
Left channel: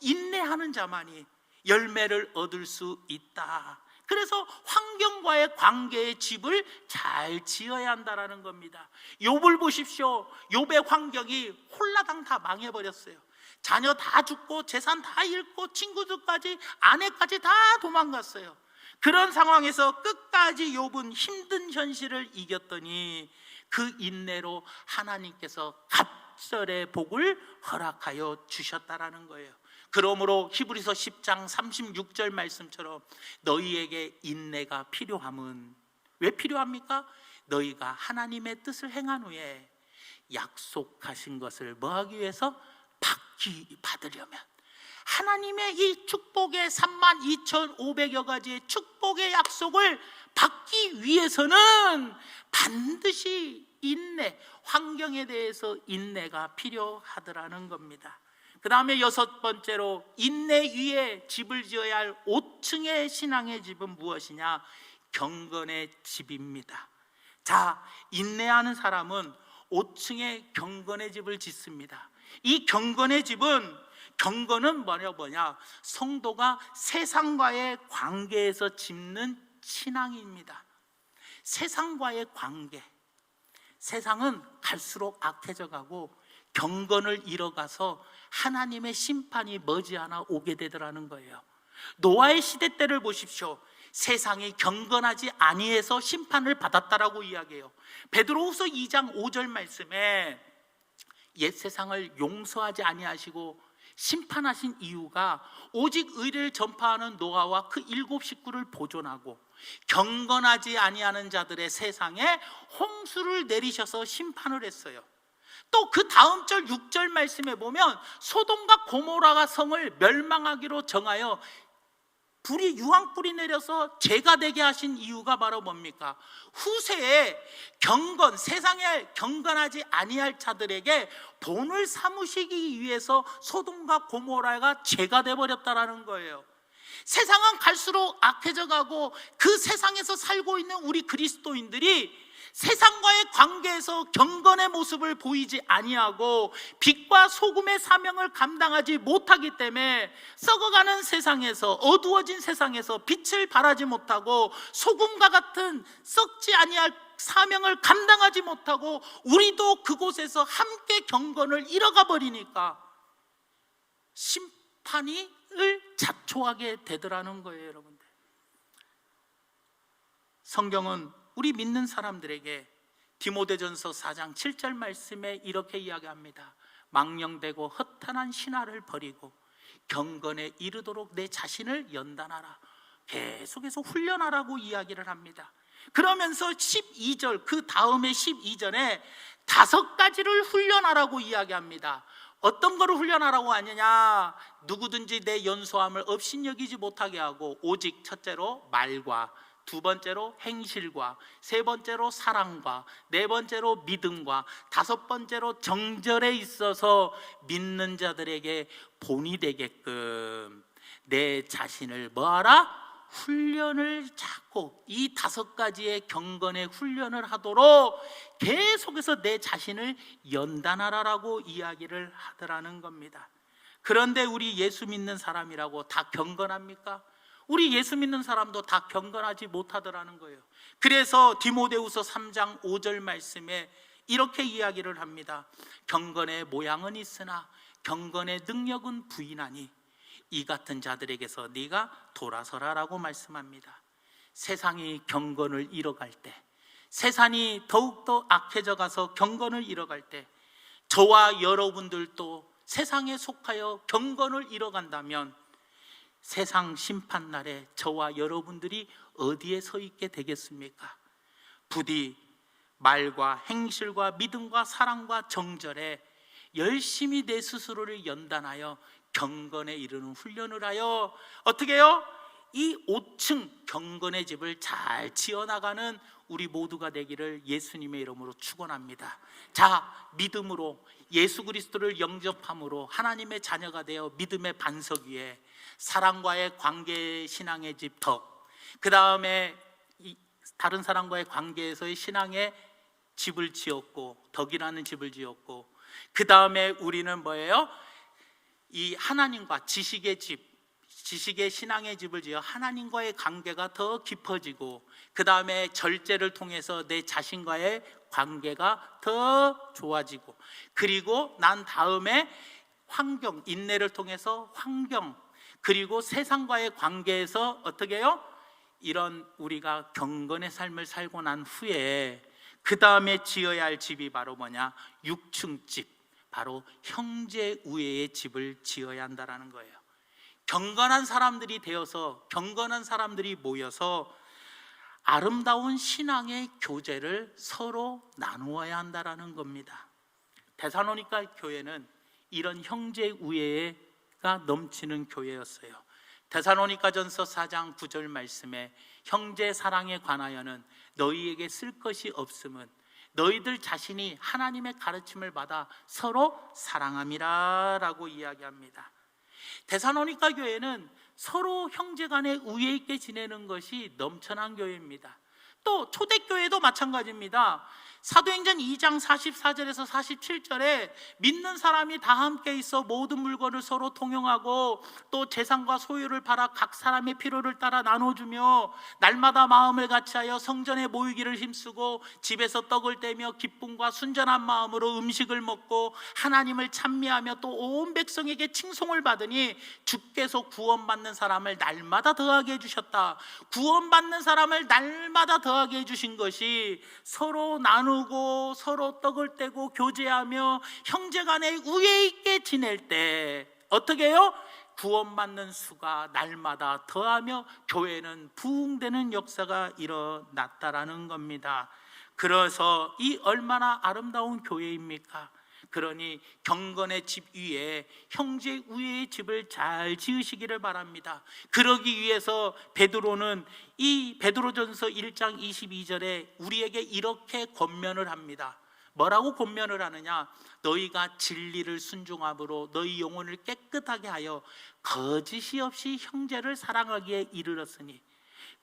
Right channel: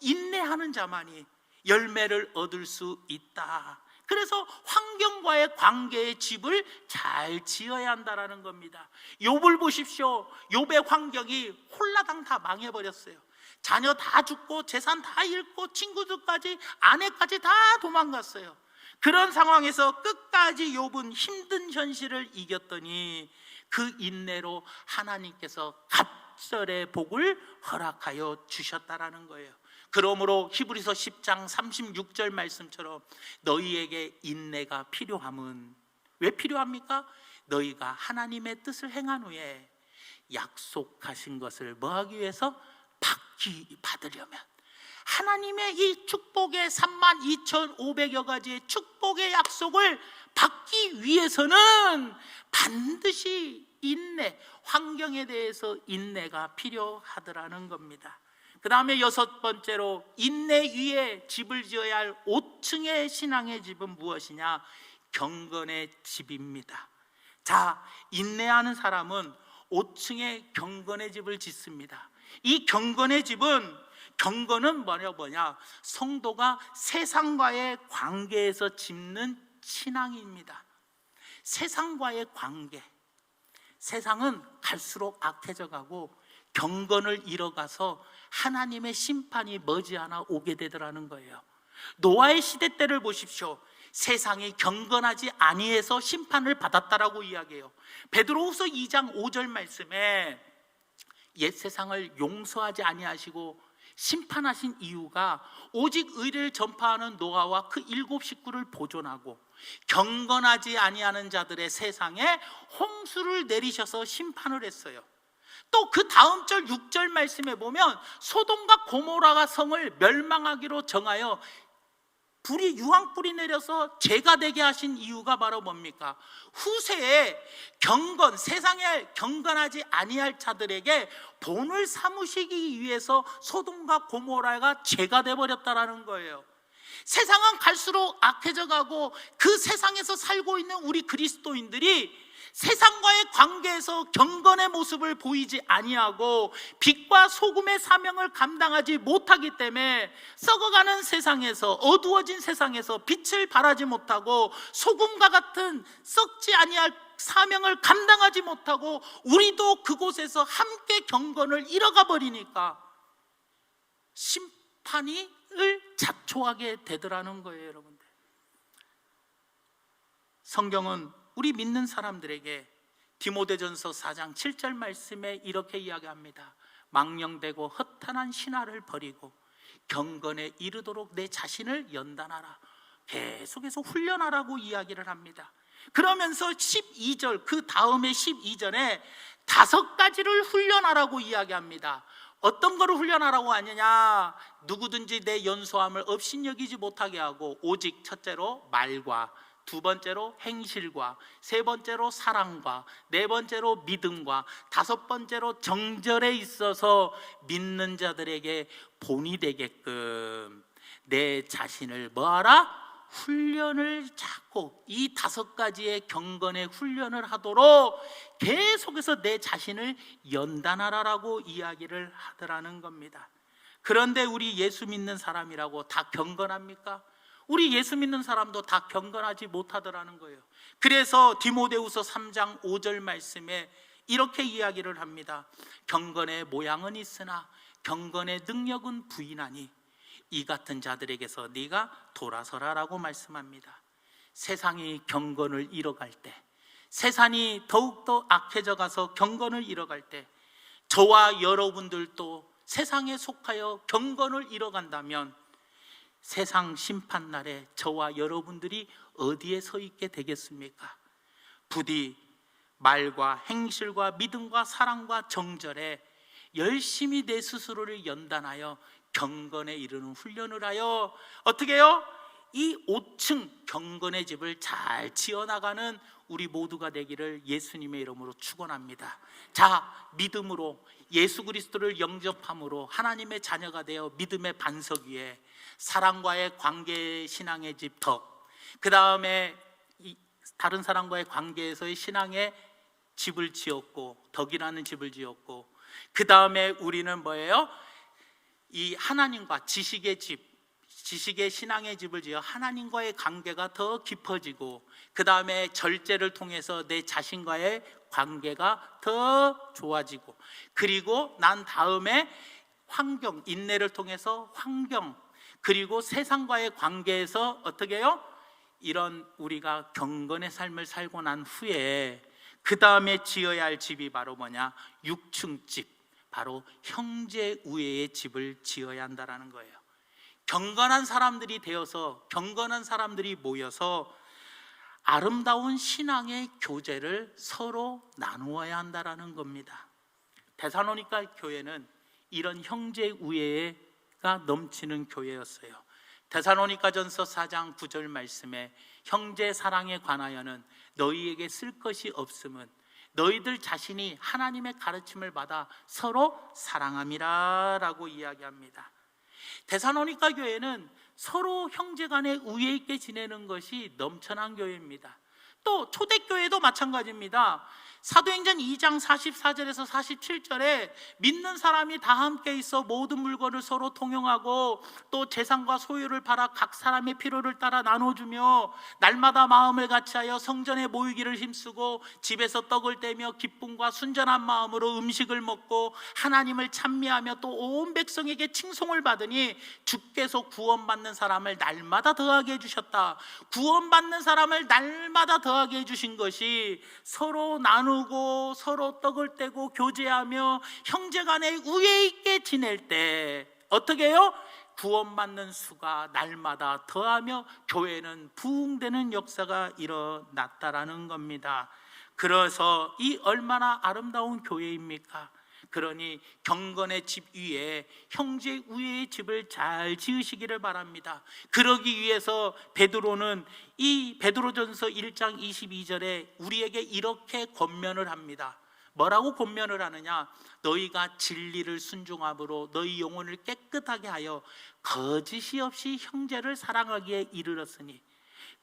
인내하는 자만이 열매를 얻을 수 있다. 그래서 환경과의 관계의 집을 잘 지어야 한다는 겁니다. 욥을 보십시오. 욥의 환경이 홀라당 다 망해버렸어요. 자녀 다 죽고 재산 다 잃고 친구들까지 아내까지 다 도망갔어요. 그런 상황에서 끝까지 욥은 힘든 현실을 이겼더니 그 인내로 하나님께서 갑절의 복을 허락하여 주셨다라는 거예요. 그러므로 히브리서 10장 36절 말씀처럼 너희에게 인내가 필요함은 왜 필요합니까? 너희가 하나님의 뜻을 행한 후에 약속하신 것을 뭐하기 위해서? 받으려면, 하나님의 이 축복의 32,500여 가지의 축복의 약속을 받기 위해서는 반드시 인내, 환경에 대해서 인내가 필요하더라는 겁니다. 그 다음에 6번째로 인내 위에 집을 지어야 할 5층의 신앙의 집은 무엇이냐? 경건의 집입니다. 자, 인내하는 사람은 5층의 경건의 집을 짓습니다. 이 경건의 집은, 경건은 뭐냐? 성도가 세상과의 관계에서 짓는 신앙입니다. 세상과의 관계. 세상은 갈수록 악해져 가고 경건을 잃어가서 하나님의 심판이 머지않아 오게 되더라는 거예요. 노아의 시대 때를 보십시오. 세상이 경건하지 아니해서 심판을 받았다라고 이야기해요. 베드로후서 2장 5절 말씀에 옛 세상을 용서하지 아니하시고 심판하신 이유가 오직 의를 전파하는 노아와 그 7 식구를 보존하고 경건하지 아니하는 자들의 세상에 홍수를 내리셔서 심판을 했어요. 또 그 다음 절 6절 말씀에 보면 소돔과 고모라가 성을 멸망하기로 정하여 불이 유황불이 내려서 죄가 되게 하신 이유가 바로 뭡니까? 후세에 경건, 세상에 경건하지 아니할 자들에게 본을 삼으시기 위해서 소돔과 고모라가 죄가 되어버렸다라는 거예요. 세상은 갈수록 악해져 가고 그 세상에서 살고 있는 우리 그리스도인들이 세상과의 관계에서 경건의 모습을 보이지 아니하고 빛과 소금의 사명을 감당하지 못하기 때문에 썩어가는 세상에서, 어두워진 세상에서 빛을 발하지 못하고 소금과 같은 썩지 아니할 사명을 감당하지 못하고 우리도 그곳에서 함께 경건을 잃어가 버리니까 심판을 자초하게 되더라는 거예요. 여러분들, 성경은 우리 믿는 사람들에게 디모데전서 4장 7절 말씀에 이렇게 이야기합니다. 망령되고 허탄한 신화를 버리고 경건에 이르도록 내 자신을 연단하라. 계속해서 훈련하라고 이야기를 합니다. 그러면서 12절, 그 다음에 12절에 5가지를 훈련하라고 이야기합니다. 어떤 거를 훈련하라고 하느냐? 누구든지 내 연소함을 업신여기지 못하게 하고 오직 첫째로 말과, 두 번째로 행실과, 세 번째로 사랑과, 네 번째로 믿음과, 다섯 번째로 정절에 있어서 믿는 자들에게 본이 되게끔 내 자신을 뭐하라? 훈련을 찾고 이 5가지의 경건의 훈련을 하도록 계속해서 내 자신을 연단하라라고 이야기를 하더라는 겁니다. 그런데 우리 예수 믿는 사람이라고 다 경건합니까? 우리 예수 믿는 사람도 다 경건하지 못하더라는 거예요. 그래서 디모데후서 3장 5절 말씀에 이렇게 이야기를 합니다. 경건의 모양은 있으나 경건의 능력은 부인하니 이 같은 자들에게서 네가 돌아서라라고 말씀합니다. 세상이 경건을 잃어갈 때, 세상이 더욱더 악해져 가서 경건을 잃어갈 때, 저와 여러분들도 세상에 속하여 경건을 잃어간다면 세상 심판날에 저와 여러분들이 어디에 서 있게 되겠습니까? 부디 말과 행실과 믿음과 사랑과 정절에 열심히 내 스스로를 연단하여 경건에 이르는 훈련을 하여 어떻게 해요? 이 5층 경건의 집을 잘 지어나가는 우리 모두가 되기를 예수님의 이름으로 축원합니다. 자, 믿음으로 예수 그리스도를 영접함으로 하나님의 자녀가 되어 믿음의 반석 위에 사랑과의 관계, 신앙의 집 덕, 그 다음에 다른 사람과의 관계에서의 신앙의 집을 지었고, 덕이라는 집을 지었고, 그 다음에 우리는 뭐예요? 이 하나님과 지식의 집, 지식의 신앙의 집을 지어 하나님과의 관계가 더 깊어지고, 그 다음에 절제를 통해서 내 자신과의 관계가 더 좋아지고, 그리고 난 다음에 환경, 인내를 통해서 환경, 그리고 세상과의 관계에서 어떻게 해요? 이런 우리가 경건의 삶을 살고 난 후에 그 다음에 지어야 할 집이 바로 뭐냐? 6층 집, 바로 형제 우애의 집을 지어야 한다는 거예요. 경건한 사람들이 되어서, 경건한 사람들이 모여서 아름다운 신앙의 교제를 서로 나누어야 한다는 겁니다. 데살로니가 교회는 이런 형제 우애가 넘치는 교회였어요. 데살로니가전서 4장 9절 말씀에 형제 사랑에 관하여는 너희에게 쓸 것이 없음은 너희들 자신이 하나님의 가르침을 받아 서로 사랑함이라 라고 이야기합니다. 데살로니가 교회는 서로 형제간에 우애 있게 지내는 것이 넘쳐난 교회입니다. 또 초대교회도 마찬가지입니다. 사도행전 2장 44절에서 47절에 믿는 사람이 다 함께 있어 모든 물건을 서로 통용하고 또 재산과 소유를 팔아 각 사람의 필요를 따라 나눠주며 날마다 마음을 같이하여 성전에 모이기를 힘쓰고 집에서 떡을 떼며 기쁨과 순전한 마음으로 음식을 먹고 하나님을 찬미하며 또 온 백성에게 칭송을 받으니 주께서 구원받는 사람을 날마다 더하게 해주셨다. 구원받는 사람을 날마다 더하게 해주신 것이 서로 나누고 서로 떡을 떼고 교제하며 형제간에 우애 있게 지낼 때 어떻게 해요? 구원받는 수가 날마다 더하며 교회는 부흥되는 역사가 일어났다라는 겁니다. 그래서 이 얼마나 아름다운 교회입니까? 그러니 경건의 집 위에 형제 우애의 집을 잘 지으시기를 바랍니다. 그러기 위해서 베드로는 이 베드로전서 1장 22절에 우리에게 이렇게 권면을 합니다. 뭐라고 권면을 하느냐? 너희가 진리를 순종함으로 너희 영혼을 깨끗하게 하여 거짓이 없이 형제를 사랑하기에 이르렀으니,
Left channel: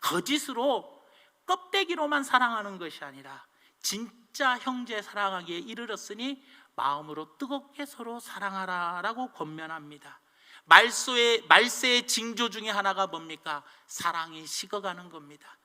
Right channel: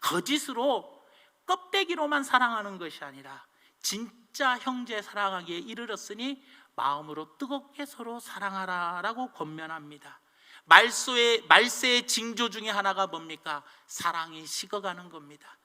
거짓으로 껍데기로만 사랑하는 것이 아니라 진짜 형제 사랑하기에 이르렀으니 마음으로 뜨겁게 서로 사랑하라 라고 권면합니다. 말세의 징조 중에 하나가 뭡니까? 사랑이 식어가는 겁니다.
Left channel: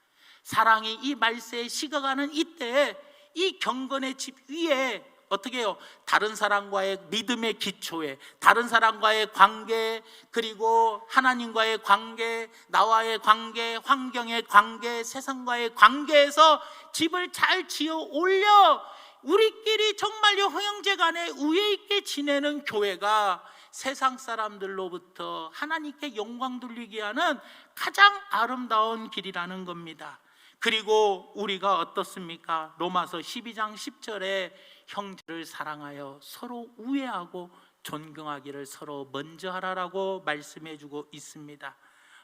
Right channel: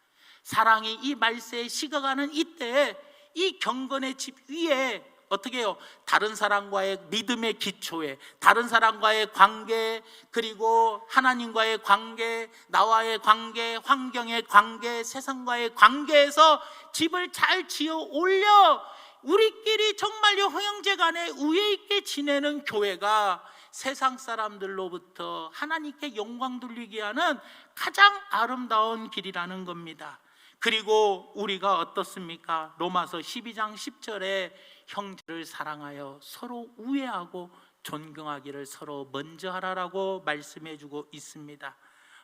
사랑이 이 말세에 식어가는 이때에 이 경건의 집 위에 어떻게 해요? 다른 사람과의 믿음의 기초에, 다른 사람과의 관계, 그리고 하나님과의 관계, 나와의 관계, 환경의 관계, 세상과의 관계에서 집을 잘 지어 올려 우리끼리 정말요 형제 간에 우애 있게 지내는 교회가 세상 사람들로부터 하나님께 영광 돌리게 하는 가장 아름다운 길이라는 겁니다. 그리고 우리가 어떻습니까? 로마서 12장 10절에 형제를 사랑하여 서로 우애하고 존경하기를 서로 먼저 하라라고 말씀해주고 있습니다.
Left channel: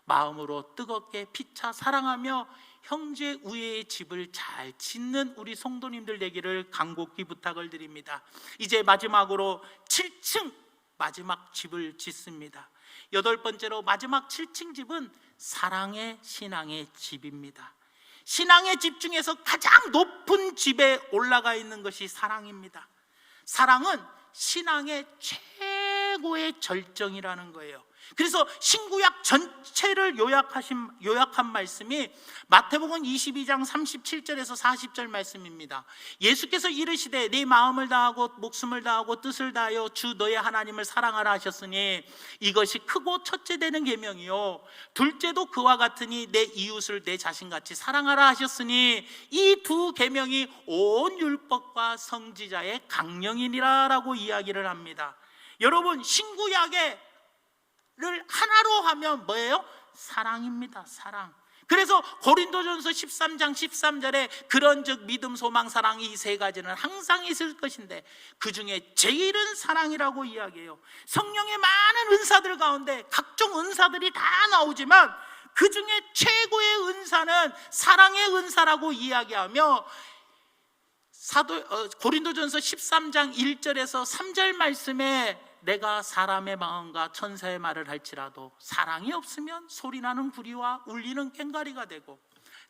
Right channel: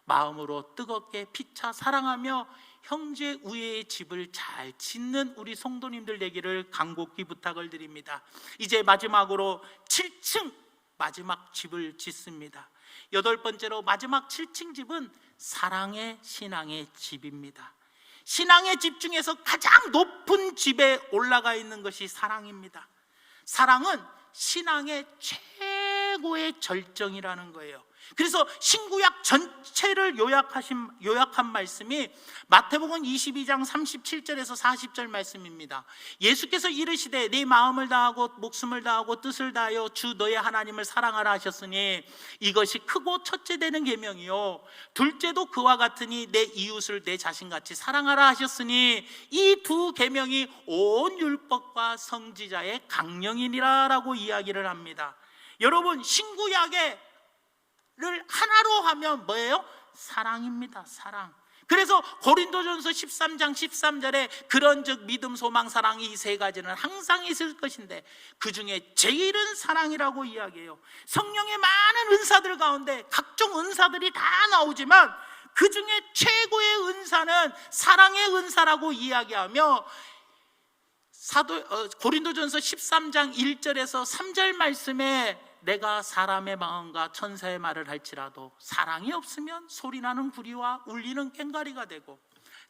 마음으로 뜨겁게 피차 사랑하며 형제 우애의 집을 잘 짓는 우리 성도님들 되기를 간곡히 부탁을 드립니다. 이제 마지막으로 7층 마지막 집을 짓습니다. 8번째로 마지막 7층 집은 사랑의 신앙의 집입니다. 신앙의 집 중에서 가장 높은 집에 올라가 있는 것이 사랑입니다. 사랑은 신앙의 최고의 절정이라는 거예요. 그래서 신구약 전체를 요약한 말씀이 마태복음 22장 37절에서 40절 말씀입니다. 예수께서 이르시되 네 마음을 다하고 목숨을 다하고 뜻을 다하여 주 너의 하나님을 사랑하라 하셨으니 이것이 크고 첫째 되는 계명이요 둘째도 그와 같으니 내 이웃을 내 자신같이 사랑하라 하셨으니 이 두 계명이 온 율법과 선지자의 강령이니라 라고 이야기를 합니다. 여러분, 신구약의 를 하나로 하면 뭐예요? 사랑입니다. 사랑. 그래서 고린도전서 13장 13절에 그런즉 믿음, 소망, 사랑 이 세 가지는 항상 있을 것인데 그 중에 제일은 사랑이라고 이야기해요. 성령의 많은 은사들 가운데 각종 은사들이 다 나오지만 그 중에 최고의 은사는 사랑의 은사라고 이야기하며 고린도전서 13장 1절에서 3절 말씀에 내가 사람의 마음과 천사의 말을 할지라도 사랑이 없으면 소리나는 구리와 울리는 꽹과리가 되고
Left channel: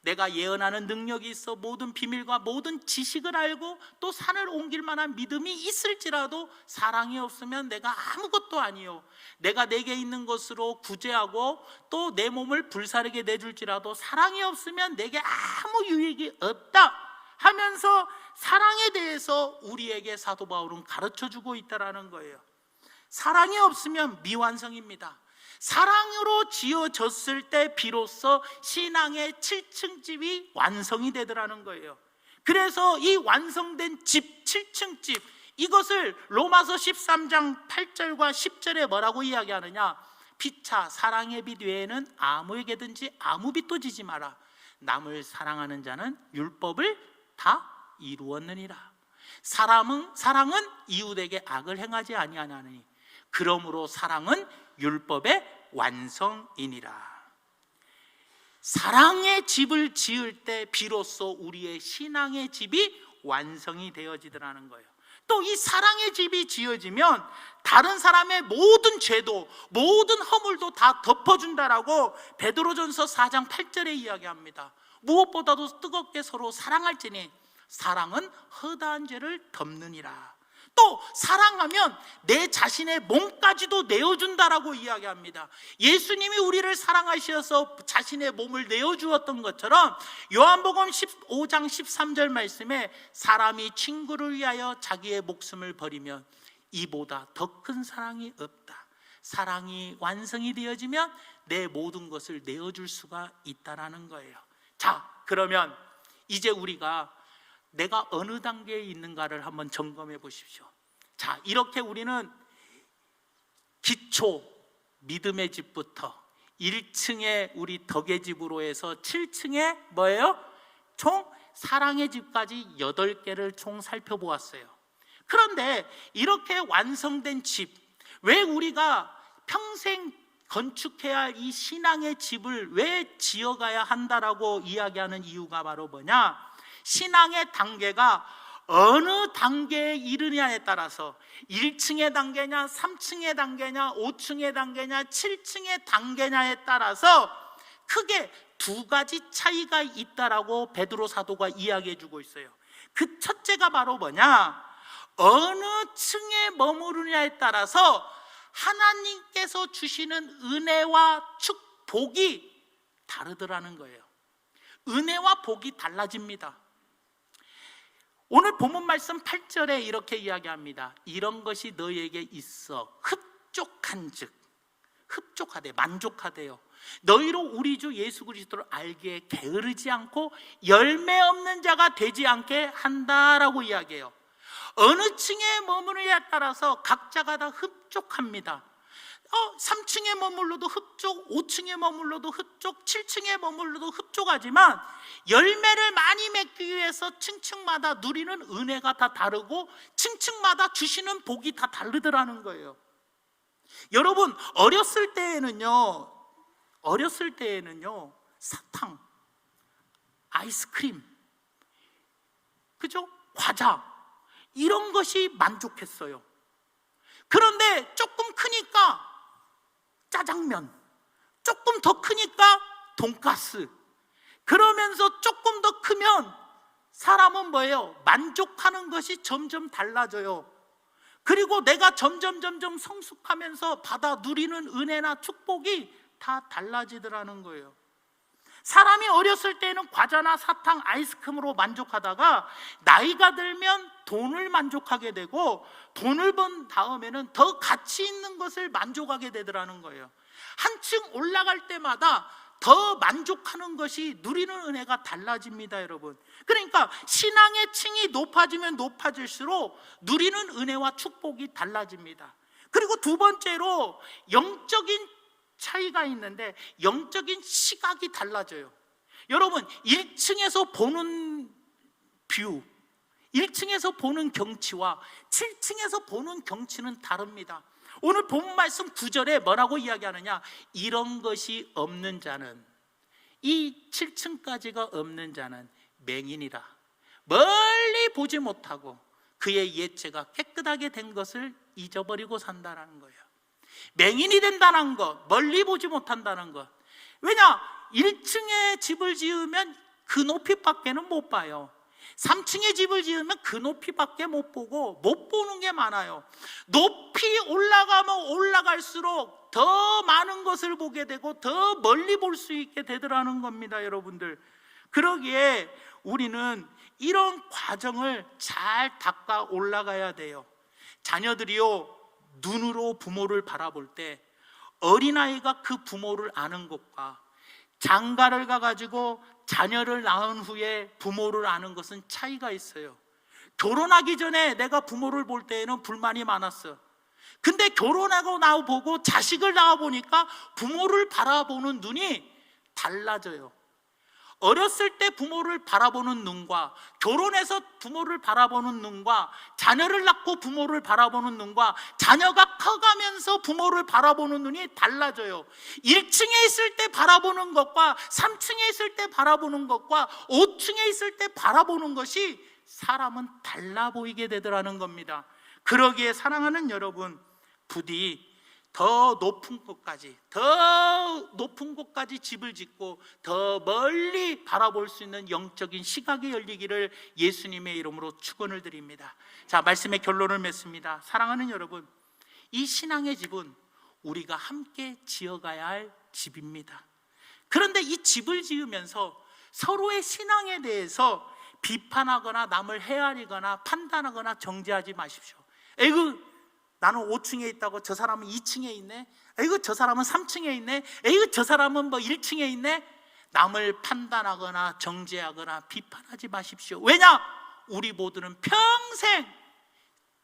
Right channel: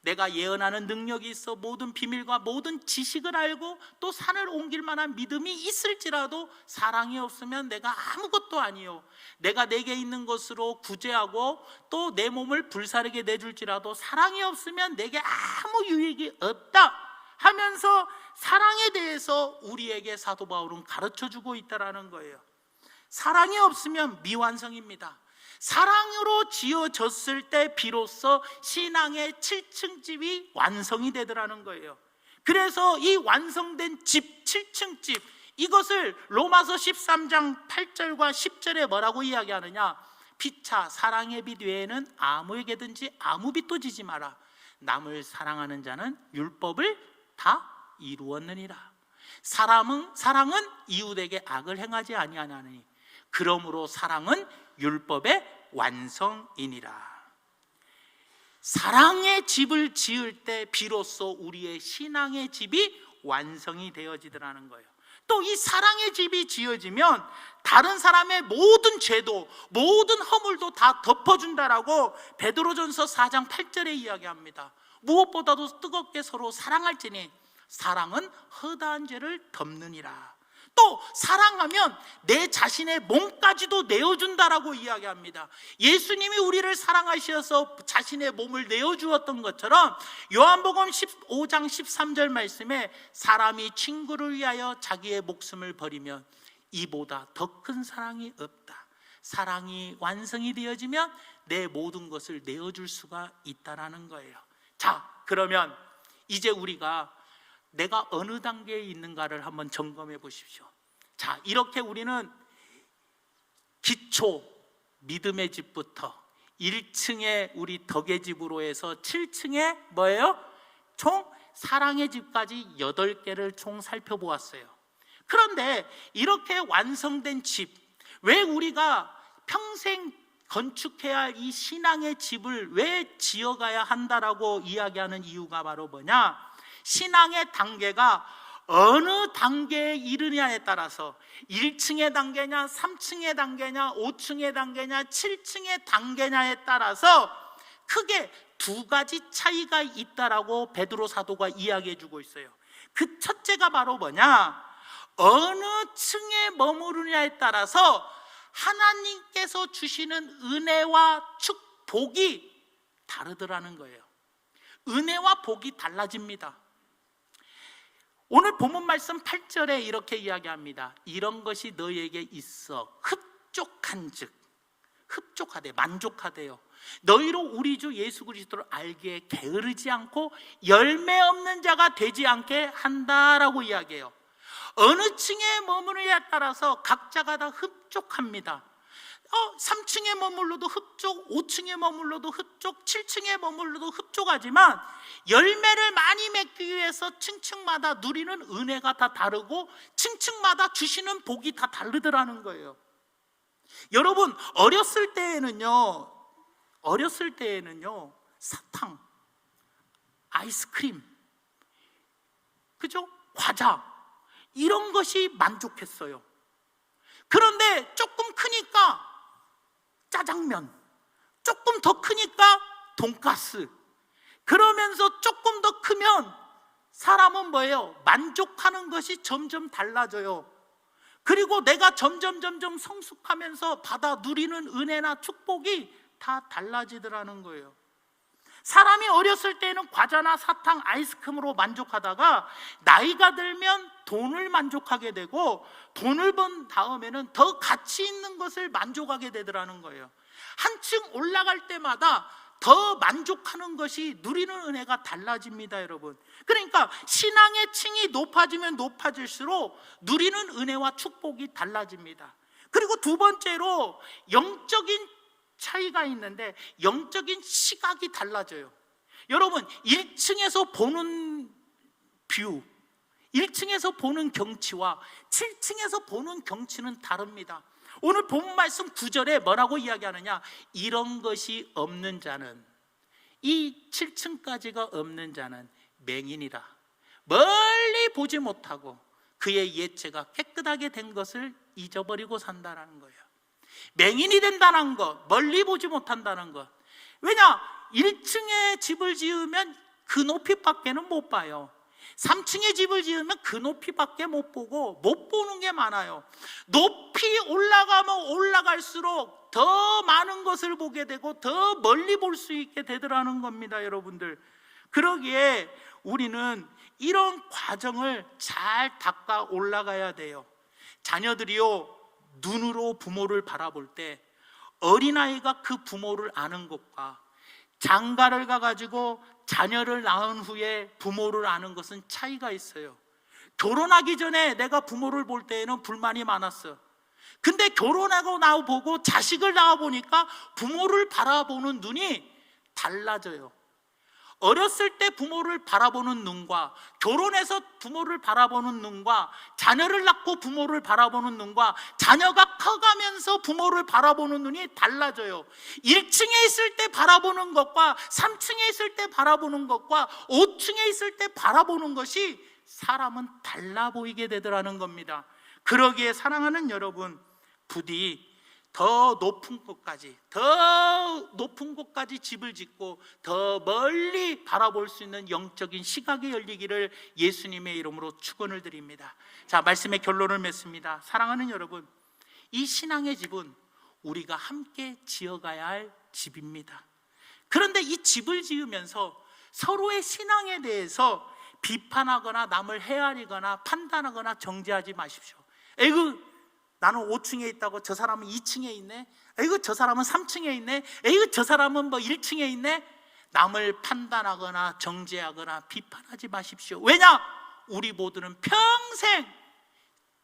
내가 예언하는 능력이 있어 모든 비밀과 모든 지식을 알고 또 산을 옮길 만한 믿음이 있을지라도 사랑이 없으면 내가 아무것도 아니요 내가 내게 있는 것으로 구제하고 또 내 몸을 불사르게 내줄지라도 사랑이 없으면 내게 아무 유익이 없다 하면서 사랑에 대해서 우리에게 사도 바울은 가르쳐주고 있다는 거예요. 사랑이 없으면 미완성입니다. 사랑으로 지어졌을 때 비로소 신앙의 7층 집이 완성이 되더라는 거예요. 그래서 이 완성된 집, 7층 집, 이것을 로마서 13장 8절과 10절에 뭐라고 이야기하느냐? 피차 사랑의 빛 외에는 아무에게든지 아무 빛도 지지 마라. 남을 사랑하는 자는 율법을 다 이루었느니라. 사랑은 이웃에게 악을 행하지 아니하나니 그러므로 사랑은 율법의 완성이니라. 사랑의 집을 지을 때 비로소 우리의 신앙의 집이 완성이 되어지더라는 거예요. 또 이 사랑의 집이 지어지면 다른 사람의 모든 죄도 모든 허물도 다 덮어준다라고 베드로전서 4장 8절에 이야기합니다. 무엇보다도 뜨겁게 서로 사랑할지니 사랑은 허다한 죄를 덮느니라. 또 사랑하면 내 자신의 몸까지도 내어준다라고 이야기합니다. 예수님이 우리를 사랑하셔서 자신의 몸을 내어주었던 것처럼 요한복음 15장 13절 말씀에 사람이 친구를 위하여 자기의 목숨을 버리면 이보다 더 큰 사랑이 없다. 사랑이 완성이 되어지면 내 모든 것을 내어줄 수가 있다라는 거예요. 자, 그러면 이제 우리가 내가 어느 단계에 있는가를 한번 점검해 보십시오. 자, 이렇게 우리는 기초 믿음의 집부터 1층에 우리 덕의 집으로 해서 7층에 뭐예요? 총 사랑의 집까지 8개를 총 살펴보았어요. 그런데 이렇게 완성된 집, 왜 우리가 평생 건축해야 할 이 신앙의 집을 왜 지어가야 한다라고 이야기하는 이유가 바로 뭐냐? 신앙의 단계가 어느 단계에 이르냐에 따라서 1층의 단계냐, 3층의 단계냐, 5층의 단계냐, 7층의 단계냐에 따라서 크게 두 가지 차이가 있다라고 베드로 사도가 이야기해주고 있어요. 그 첫째가 바로 뭐냐? 어느 층에 머무르냐에 따라서 하나님께서 주시는 은혜와 축복이 다르더라는 거예요. 은혜와 복이 달라집니다. 오늘 본문 말씀 8절에 이렇게 이야기합니다. 이런 것이 너희에게 있어 흡족한즉, 흡족하대, 만족하대요. 너희로 우리 주 예수 그리스도를 알기에 게으르지 않고 열매 없는 자가 되지 않게 한다라고 이야기해요. 어느 층에 머무느냐에 따라서 각자가 다 흡족합니다. 3층에 머물러도 흡족, 5층에 머물러도 흡족, 7층에 머물러도 흡족하지만 열매를 많이 맺기 위해서 층층마다 누리는 은혜가 다 다르고 층층마다 주시는 복이 다 다르더라는 거예요. 여러분, 어렸을 때에는요 사탕, 아이스크림, 그죠? 과자, 이런 것이 만족했어요. 그런데 조금 크니까 짜장면, 조금 더 크니까 돈가스, 그러면서 조금 더 크면 사람은 뭐예요? 만족하는 것이 점점 달라져요. 그리고 내가 점점 성숙하면서 받아 누리는 은혜나 축복이 다 달라지더라는 거예요. 사람이 어렸을 때는 과자나 사탕, 아이스크림으로 만족하다가 나이가 들면 돈을 만족하게 되고 돈을 번 다음에는 더 가치 있는 것을 만족하게 되더라는 거예요. 한층 올라갈 때마다 더 만족하는 것이 누리는 은혜가 달라집니다, 여러분. 그러니까 신앙의 층이 높아지면 높아질수록 누리는 은혜와 축복이 달라집니다. 그리고 두 번째로 영적인 차이가 있는데 영적인 시각이 달라져요. 여러분, 1층에서 보는 뷰, 1층에서 보는 경치와 7층에서 보는 경치는 다릅니다. 오늘 본문 말씀 9절에 뭐라고 이야기하느냐? 이런 것이 없는 자는, 이 7층까지가 없는 자는 맹인이라. 멀리 보지 못하고 그의 예체가 깨끗하게 된 것을 잊어버리고 산다는 거예요. 맹인이 된다는 것, 멀리 보지 못한다는 것. 왜냐? 1층에 집을 지으면 그 높이밖에는 못 봐요. 3층에 집을 지으면 그 높이밖에 못 보고 못 보는 게 많아요. 높이 올라가면 올라갈수록 더 많은 것을 보게 되고 더 멀리 볼 수 있게 되더라는 겁니다, 여러분들. 그러기에 우리는 이런 과정을 잘 닦아 올라가야 돼요. 자녀들이요, 눈으로 부모를 바라볼 때 어린아이가 그 부모를 아는 것과 장가를 가가지고 자녀를 낳은 후에 부모를 아는 것은 차이가 있어요. 결혼하기 전에 내가 부모를 볼 때에는 불만이 많았어. 근데 결혼하고 나보고 자식을 낳아보니까 부모를 바라보는 눈이 달라져요. 어렸을 때 부모를 바라보는 눈과 결혼해서 부모를 바라보는 눈과 자녀를 낳고 부모를 바라보는 눈과 자녀가 커가면서 부모를 바라보는 눈이 달라져요. 1층에 있을 때 바라보는 것과 3층에 있을 때 바라보는 것과 5층에 있을 때 바라보는 것이 사람은 달라 보이게 되더라는 겁니다. 그러기에 사랑하는 여러분, 부디 더 높은 곳까지 집을 짓고 더 멀리 바라볼 수 있는 영적인 시각이 열리기를 예수님의 이름으로 축원을 드립니다. 자, 말씀의 결론을 맺습니다. 사랑하는 여러분, 이 신앙의 집은 우리가 함께 지어가야 할 집입니다. 그런데 이 집을 지으면서 서로의 신앙에 대해서 비판하거나 남을 헤아리거나 판단하거나 정죄하지 마십시오. 에이구, 나는 5층에 있다고 저 사람은 2층에 있네. 에이구, 저 사람은 3층에 있네. 에이구, 저 사람은 1층에 있네. 남을 판단하거나 정죄하거나 비판하지 마십시오. 왜냐? 우리 모두는 평생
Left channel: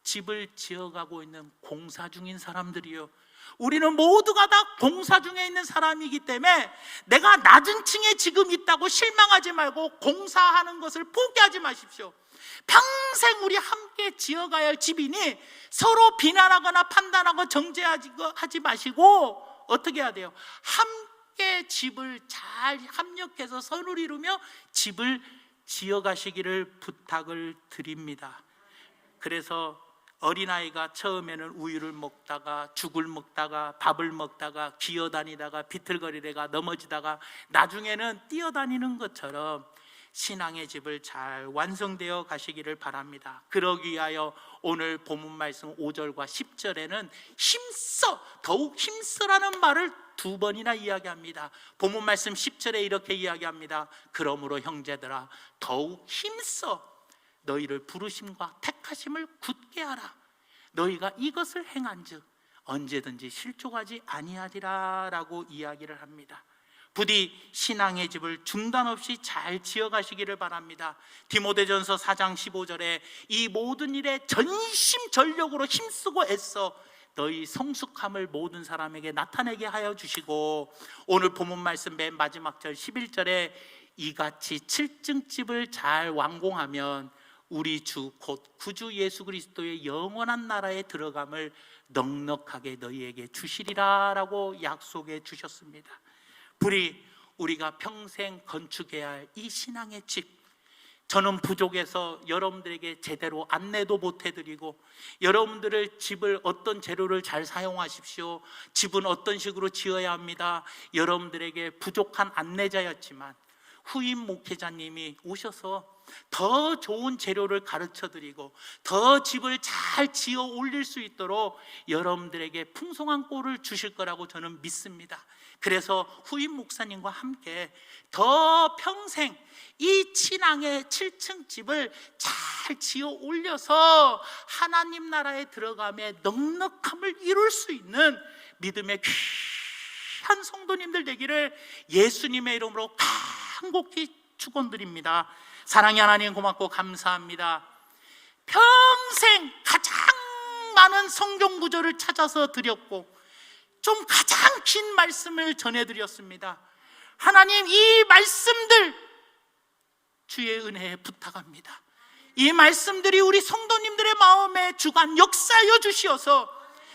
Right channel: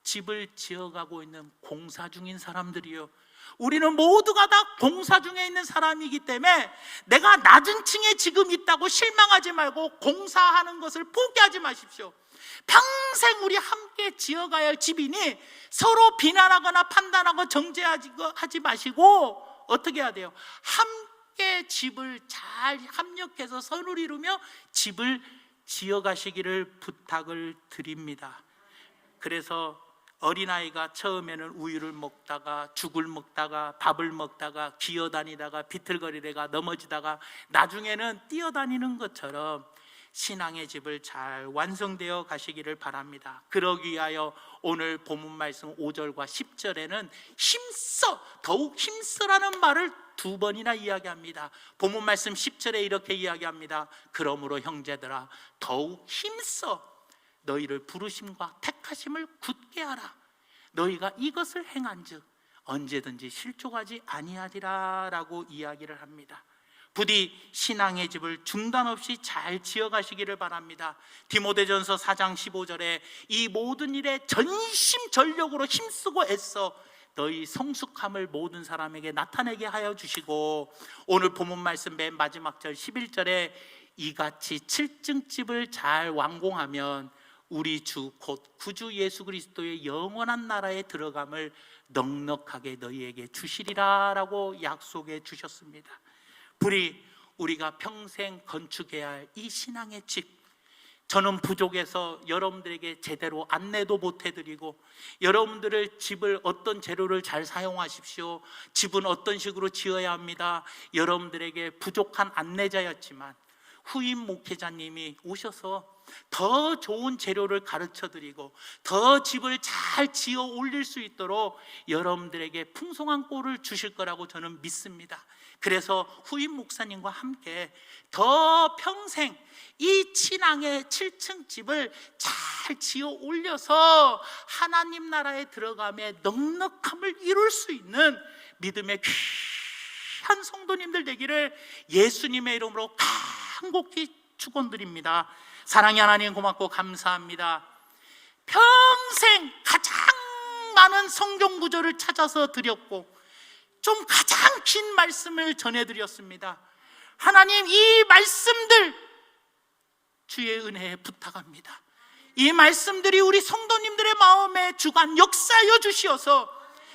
집을 지어가고 있는 공사 중인 사람들이요. 우리는 모두가 다 공사 중에 있는 사람이기 때문에 내가 낮은 층에 지금 있다고 실망하지 말고 공사하는 것을 포기하지 마십시오. 평생 우리 함께 지어가야 할 집이니 서로 비난하거나 판단하고 정죄하지 마시고 어떻게 해야 돼요? 함께 집을 잘 합력해서 선을 이루며 집을 지어가시기를 부탁을 드립니다. 그래서 어린아이가 처음에는 우유를 먹다가 죽을 먹다가 밥을 먹다가 기어다니다가 비틀거리다가 넘어지다가 나중에는 뛰어다니는 것처럼 신앙의 집을 잘 완성되어 가시기를 바랍니다. 그러기 위하여 오늘 본문 말씀 5절과 10절에는 더욱 힘써라는 말을 2번이나 이야기합니다. 본문 말씀 10절에 이렇게 이야기합니다. 그러므로 형제들아, 더욱 힘써 너희를 부르심과 택하심을 굳게 하라. 너희가 이것을 행한즉 언제든지 실족하지 아니하리라 라고 이야기를 합니다. 부디 신앙의 집을 중단 없이 잘 지어가시기를 바랍니다. 디모데전서 4장 15절에 이 모든 일에 전심전력으로 힘쓰고 애써 너희 성숙함을 모든 사람에게 나타내게 하여 주시고, 오늘 본문 말씀 맨 마지막 절 11절에 이같이 7층 집을 잘 완공하면 우리 주 곧 구주 예수 그리스도의 영원한 나라에 들어감을 넉넉하게 너희에게 주시리라 라고 약속해 주셨습니다. 부디 우리가 평생 건축해야 할 이 신앙의 집, 저는 부족해서 여러분들에게 제대로 안내도 못 해드리고, 여러분들을 집을 어떤 재료를 잘 사용하십시오, 집은 어떤 식으로 지어야 합니다, 여러분들에게 부족한 안내자였지만 후임 목회자님이 오셔서 더 좋은 재료를 가르쳐드리고 더 집을 잘 지어 올릴 수 있도록 여러분들에게 풍성한 꼴을 주실 거라고 저는 믿습니다. 그래서 후임 목사님과 함께 더 평생 이 신앙의 7층 집을 잘 지어 올려서 하나님 나라에 들어감에 넉넉함을 이룰 수 있는 믿음의 귀한 성도님들 되기를 예수님의 이름으로 간곡히 축원드립니다. 사랑의 하나님, 고맙고 감사합니다. 평생 가장 많은 성경 구절을 찾아서 드렸고 좀 가장 긴 말씀을 전해드렸습니다. 하나님, 이 말씀들 주의 은혜에 부탁합니다. 이 말씀들이 우리 성도님들의 마음에 주관 역사하여 주시어서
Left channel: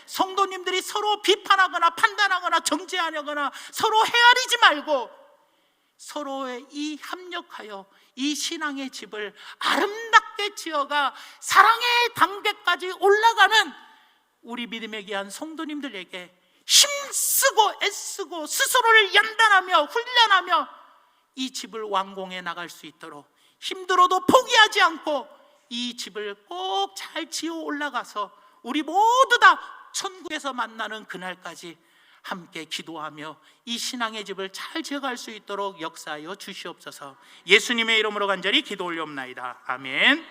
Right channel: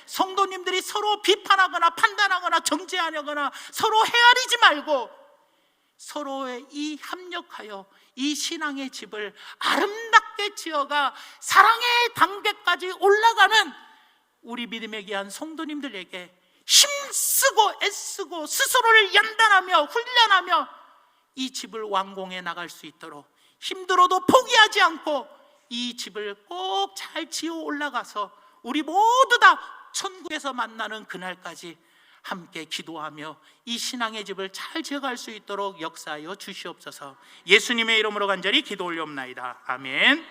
성도님들이 서로 비판하거나 판단하거나 정죄하거나 서로 헤아리지 말고 서로의 이 합력하여 이 신앙의 집을 아름답게 지어가 사랑의 단계까지 올라가는 우리 믿음에 귀한 성도님들에게 힘쓰고 애쓰고 스스로를 연단하며 훈련하며 이 집을 완공해 나갈 수 있도록 힘들어도 포기하지 않고 이 집을 꼭 잘 지어 올라가서 우리 모두 다 천국에서 만나는 그날까지 함께 기도하며 이 신앙의 집을 잘 지어갈 수 있도록 역사하여 주시옵소서. 예수님의 이름으로 간절히 기도 올려옵나이다. 아멘.